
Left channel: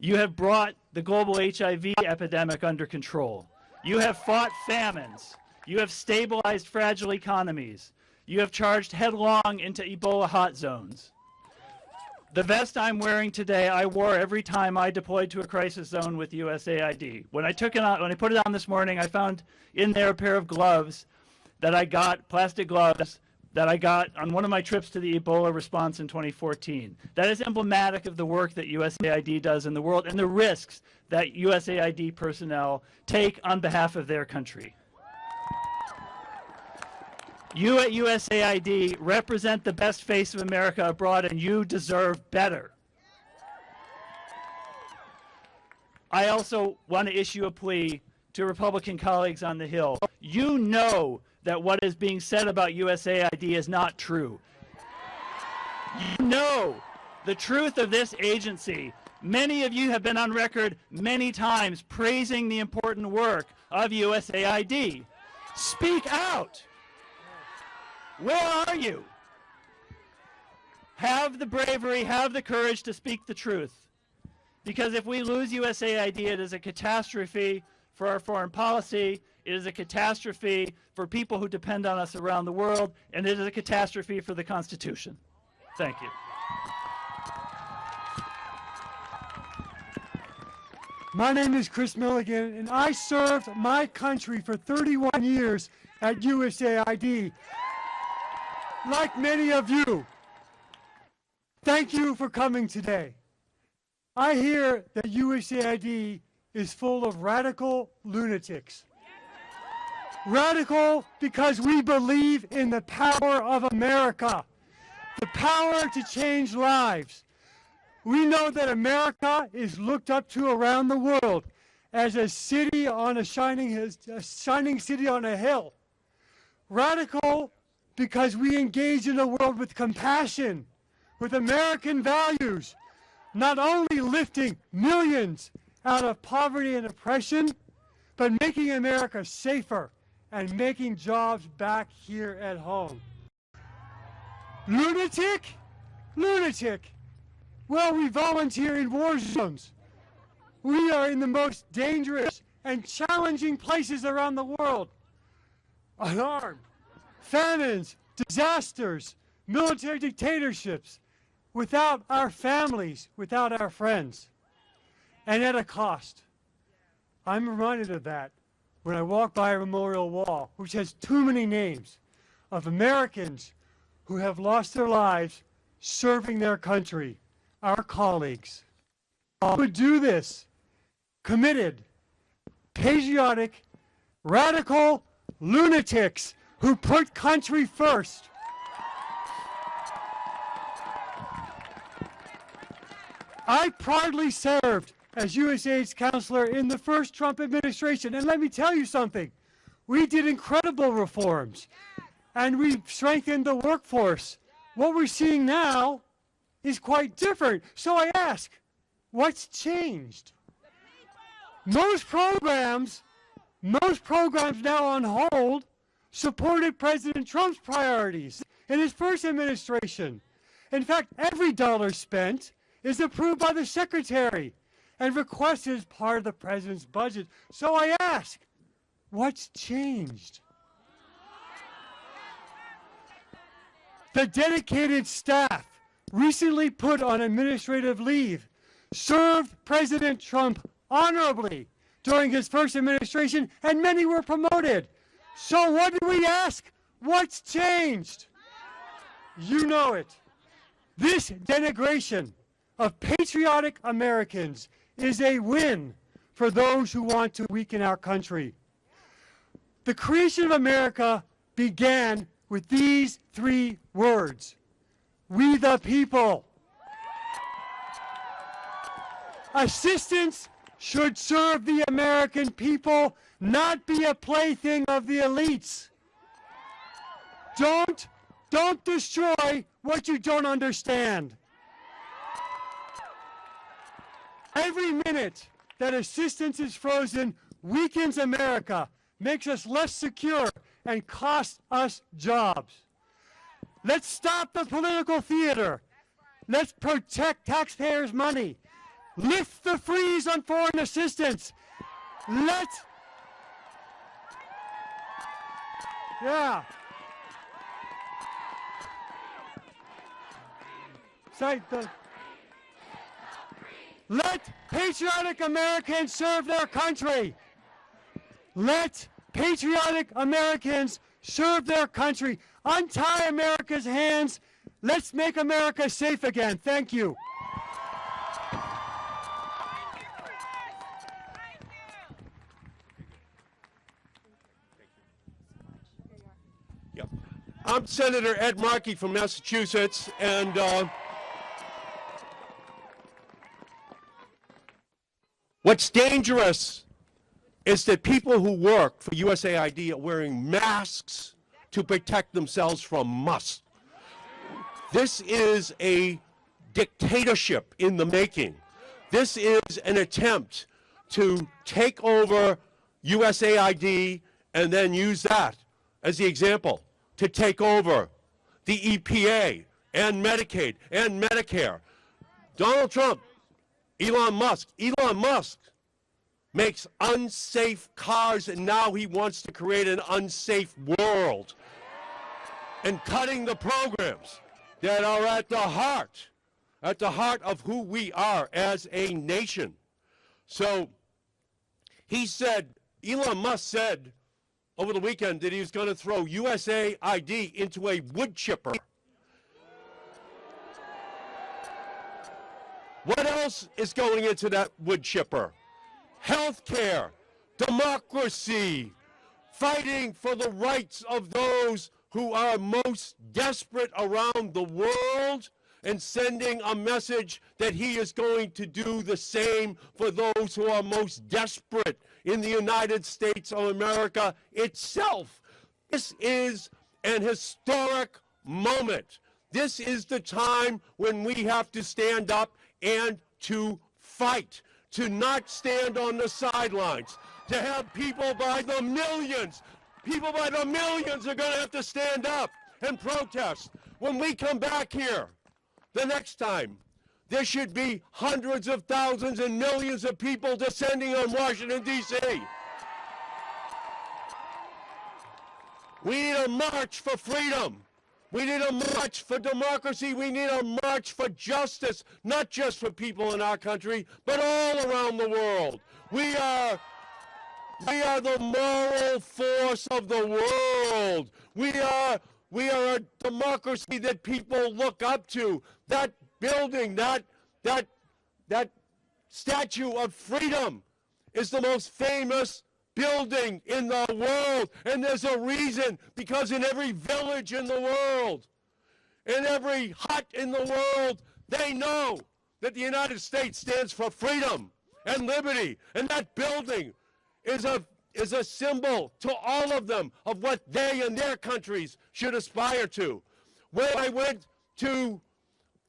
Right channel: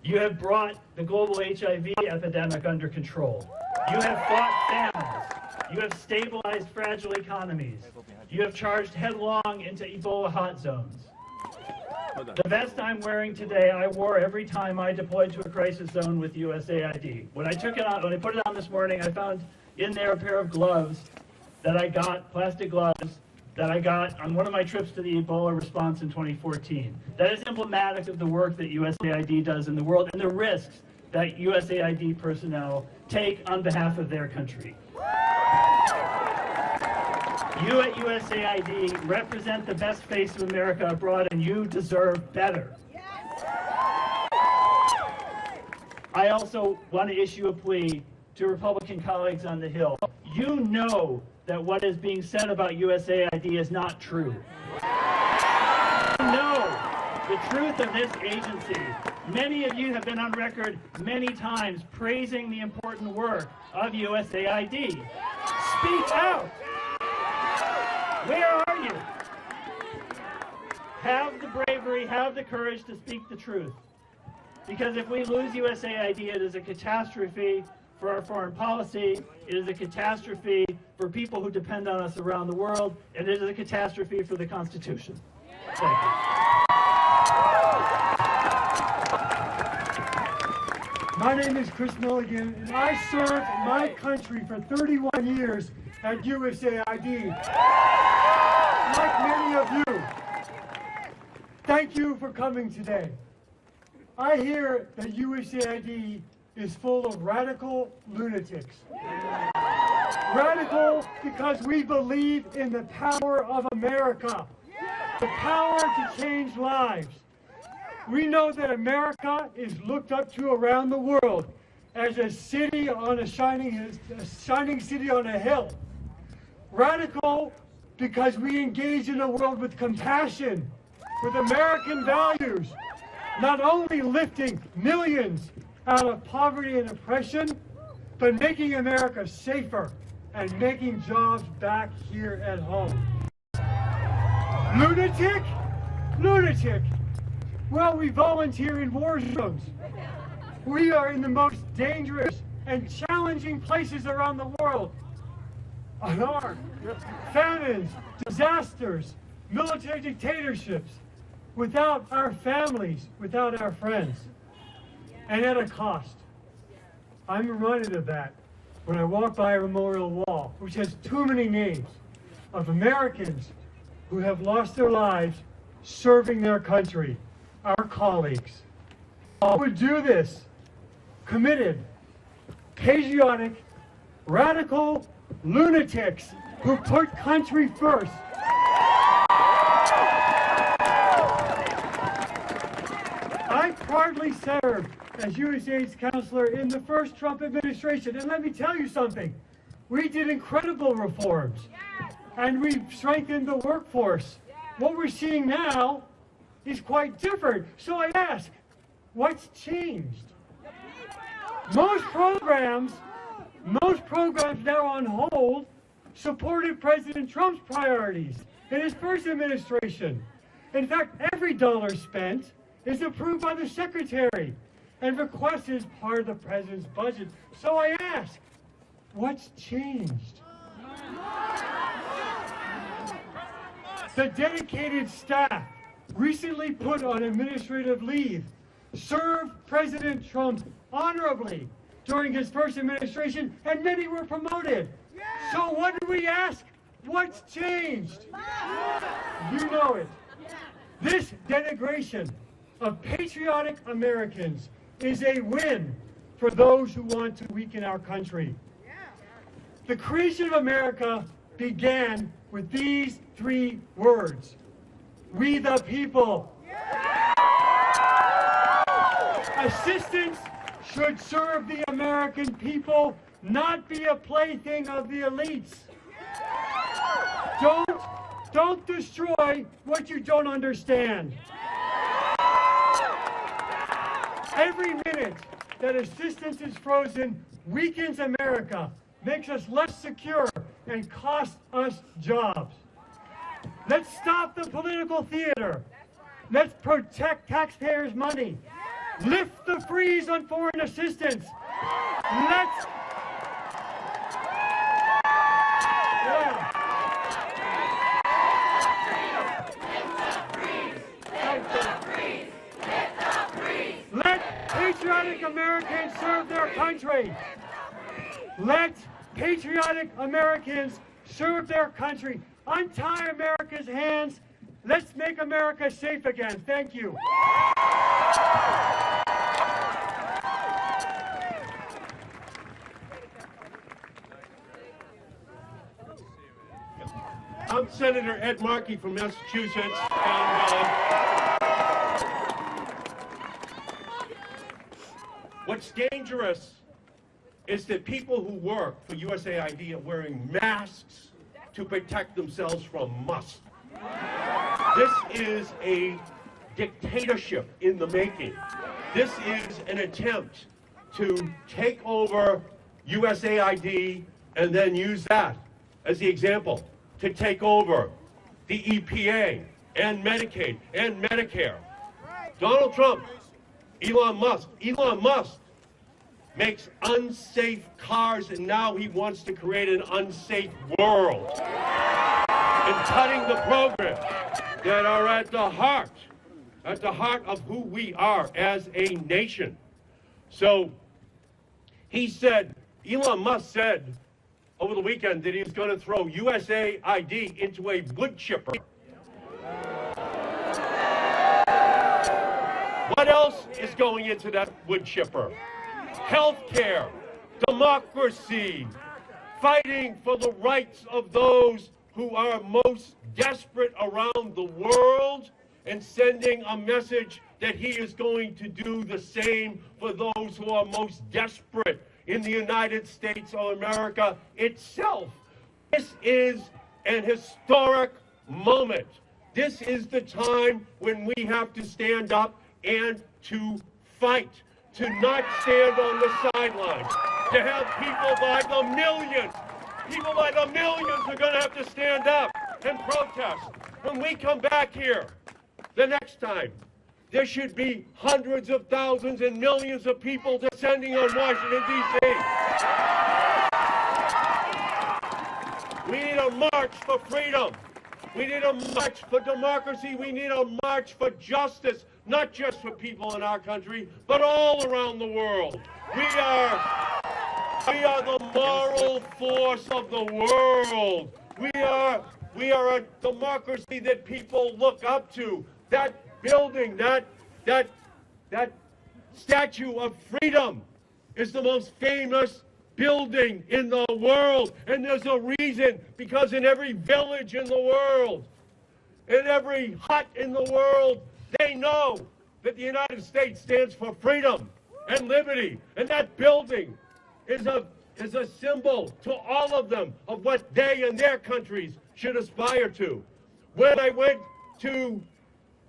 You have brought the global HIV epidemic under control. You have fought famines. You have stabilized fragile economies. You have charged headlong into Ebola hot zones. The vest I'm wearing today, I wore every time I deployed to a crisis zone with USAID. When I put it on this morning, I found in there a pair of gloves that I got, plastic gloves, that I got on one of my trips to the Ebola response in 2014. That is emblematic of the work that USAID does in the world and the risks that USAID personnel take on behalf of their country. You at USAID represent the best face of America abroad, and you deserve better. I also want to issue a plea to Republican colleagues on the Hill. You know that what is being said about USAID is not true. You know the truth of this agency. Many of you have been on record many times praising the important work of USAID. Speak out. Where are you? Have the bravery, have the courage to speak the truth. Because if we lose USAID, it is a catastrophe for our foreign policy, it is a catastrophe for people who depend on us around the world, and it is a catastrophe for the Constitution. Thank you. My name is Chris Milligan, and I served my country for 31 years at USAID. Like many of you, thank you for coming today. I hear that USAID is full of radical lunatics. Radical because we believe in the power of America, the power to change lives. We know that America is looked up to around the world as a city on a shining city on a hill. Radical because we engage in a world with compassion, with American values, not only lifting millions out of poverty and oppression, but making America safer and making jobs back here at home. Lunatic? Lunatic. Well, we volunteer in war zones. We are in the most dangerous and challenging places around the world. Unarmed, famines, disasters, military dictatorships, without our families, without our friends, and at a cost. I'm reminded of that when I walk by a memorial wall, which has too many names of Americans who have lost their lives serving their country, our colleagues. Who do this, committed, patriotic, radical lunatics who put country first. I proudly served as USAID's counselor in the first Trump administration, and let me tell you something. We did incredible reforms, and we strengthened the workforce. What we're seeing now is quite different. So I ask, what's changed? Most programs now on hold supported President Trump's priorities in his first administration. In fact, every dollar spent is approved by the Secretary and requested as part of the President's budget. So I ask, what's changed? The dedicated staff recently put on administrative leave served President Trump honorably during his first administration, and many were promoted. So what do we ask? What's changed? You know it. This denigration of patriotic Americans is a win for those who want to weaken our country. The creation of America began with these 3 words: we the people. Assistance should serve the American people, not be a plaything of the elites. Don't destroy what you don't understand. Every minute that assistance is frozen weakens America, makes us less secure, and costs us jobs. Let's stop the political theater. Let's protect taxpayers' money. Lift the freeze on foreign assistance. Let's... Yeah. Let patriotic Americans serve their country. Let patriotic Americans serve their country. Untie America's hands. Let's make America safe again. Thank you. I'm Senator Ed Markey from Massachusetts, and what's dangerous is that people who work for USAID are wearing masks to protect themselves from Musk. This is a dictatorship in the making. This is an attempt to take over USAID and then use that as the example to take over the EPA and Medicaid and Medicare. Donald Trump, Elon Musk makes unsafe cars, and now he wants to create an unsafe world. And cutting the programs that are at the heart of who we are as a nation. So he said, Elon Musk said over the weekend that he was going to throw USAID into a wood chipper. What else is going into that wood chipper? Healthcare, democracy, fighting for the rights of those who are most desperate around the world, and sending a message that he is going to do the same for those who are most desperate in the United States of America itself. This is an historic moment. This is the time when we have to stand up and to fight, to not stand on the sidelines, to have people by the millions are going to have to stand up and protest. When we come back here the next time, there should be hundreds of thousands and millions of people descending on Washington, D.C. We need a march for freedom. We need a march for democracy. We need a march for justice, not just for people in our country, but all around the world. We are the moral force of the world. We are We are a democracy that people look up to. That building, that Statue of Freedom is the most famous building in the world. And there's a reason, because in every village in the world, in every hut in the world, they know that the United States stands for freedom and liberty. And that building is a symbol to all of them of what they and their countries should aspire to. When I went to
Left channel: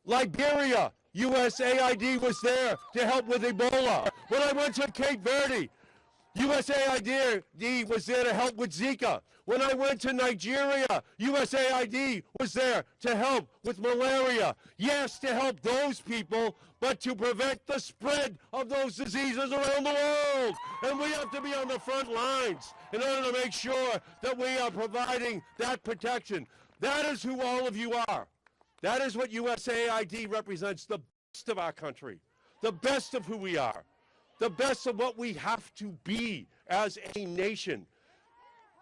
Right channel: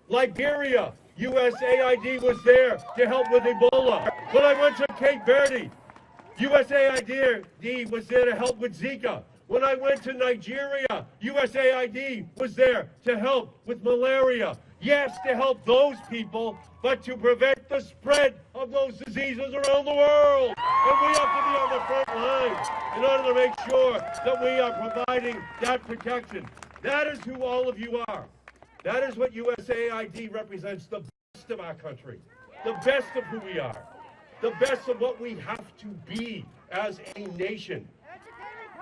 Liberia, USAID was there to help with Ebola. When I went to Cape Verde, USAID was there to help with Zika. When I went to Nigeria, USAID was there to help with malaria. Yes, to help those people, but to prevent the spread of those diseases around the world. And we have to be on the front lines in order to make sure that we are providing that protection. That is who all of you are. That is what USAID represents, the best of our country, the best of who we are, the best of what we have to be as a nation.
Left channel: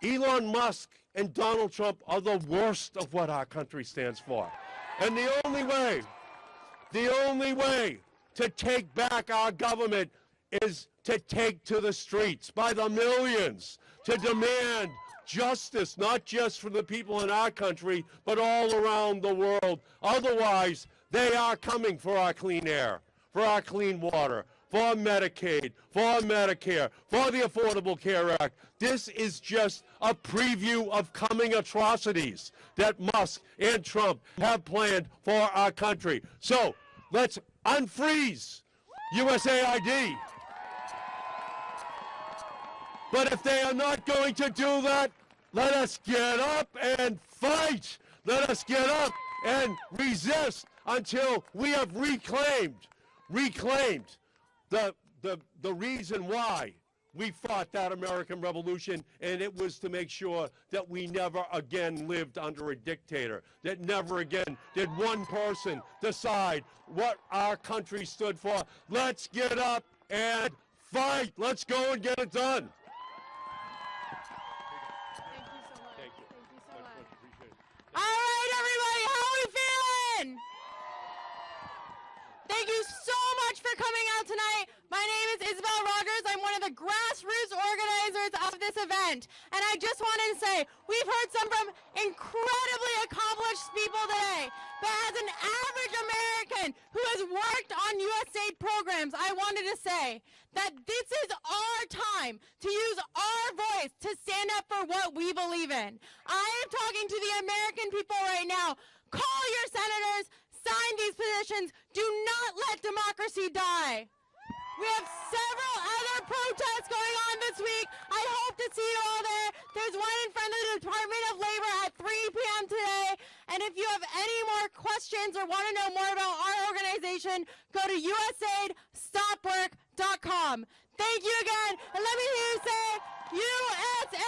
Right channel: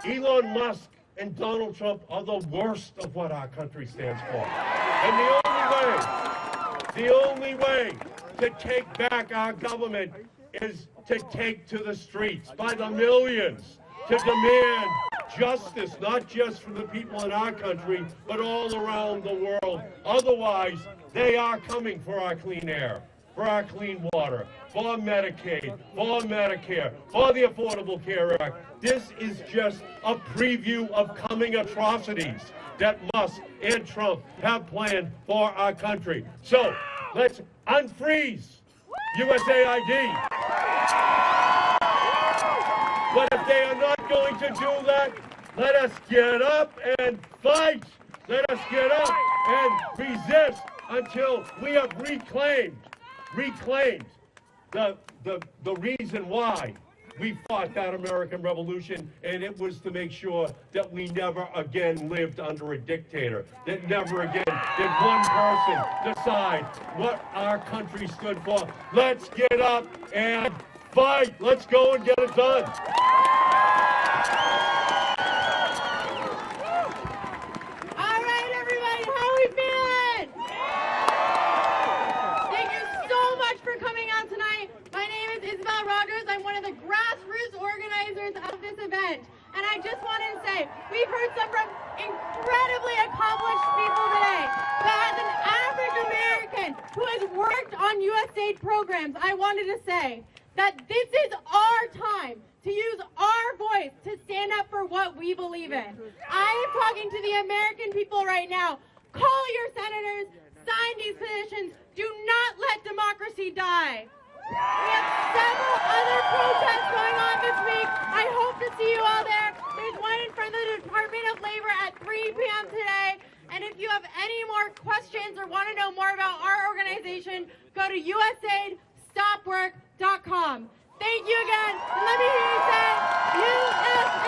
Elon Musk and Donald Trump are the worst of what our country stands for. And the only way to take back our government is to take to the streets by the millions to demand justice, not just for the people in our country, but all around the world. Otherwise, they are coming for our clean air, for our clean water, for Medicaid, for Medicare, for the Affordable Care Act. This is just a preview of coming atrocities that Musk and Trump have planned for our country. So let's unfreeze USAID. But if they are not going to do that, let us get up and fight. Let us get up and resist until we have reclaimed the reason why we fought that American Revolution, and it was to make sure that we never again lived under a dictator, that never again did one person decide what our country stood for. Let's get up and fight. Let's go and get it done. All right, everybody, how are we feeling? Thank you so much for coming out tonight. My name is Isabel Rogers. I'm one of the grassroots organizers of this event. And I just wanted to say, we've heard some from incredibly accomplished people today. But as an average American who has worked on USAID programs, I wanted to say that this is our time to use our voice to stand up for what we believe in. I am talking to the American people right now. Call your senators, sign these petitions. Do not let democracy die. We have several other protests going on this week. I hope to see you all there. There's one in front of the Department of Labor at 3 p.m. today. And if you have any more questions or want to know more about our organization, go to USAIDstopwork.com. Thank you again. And let me hear you say, USA!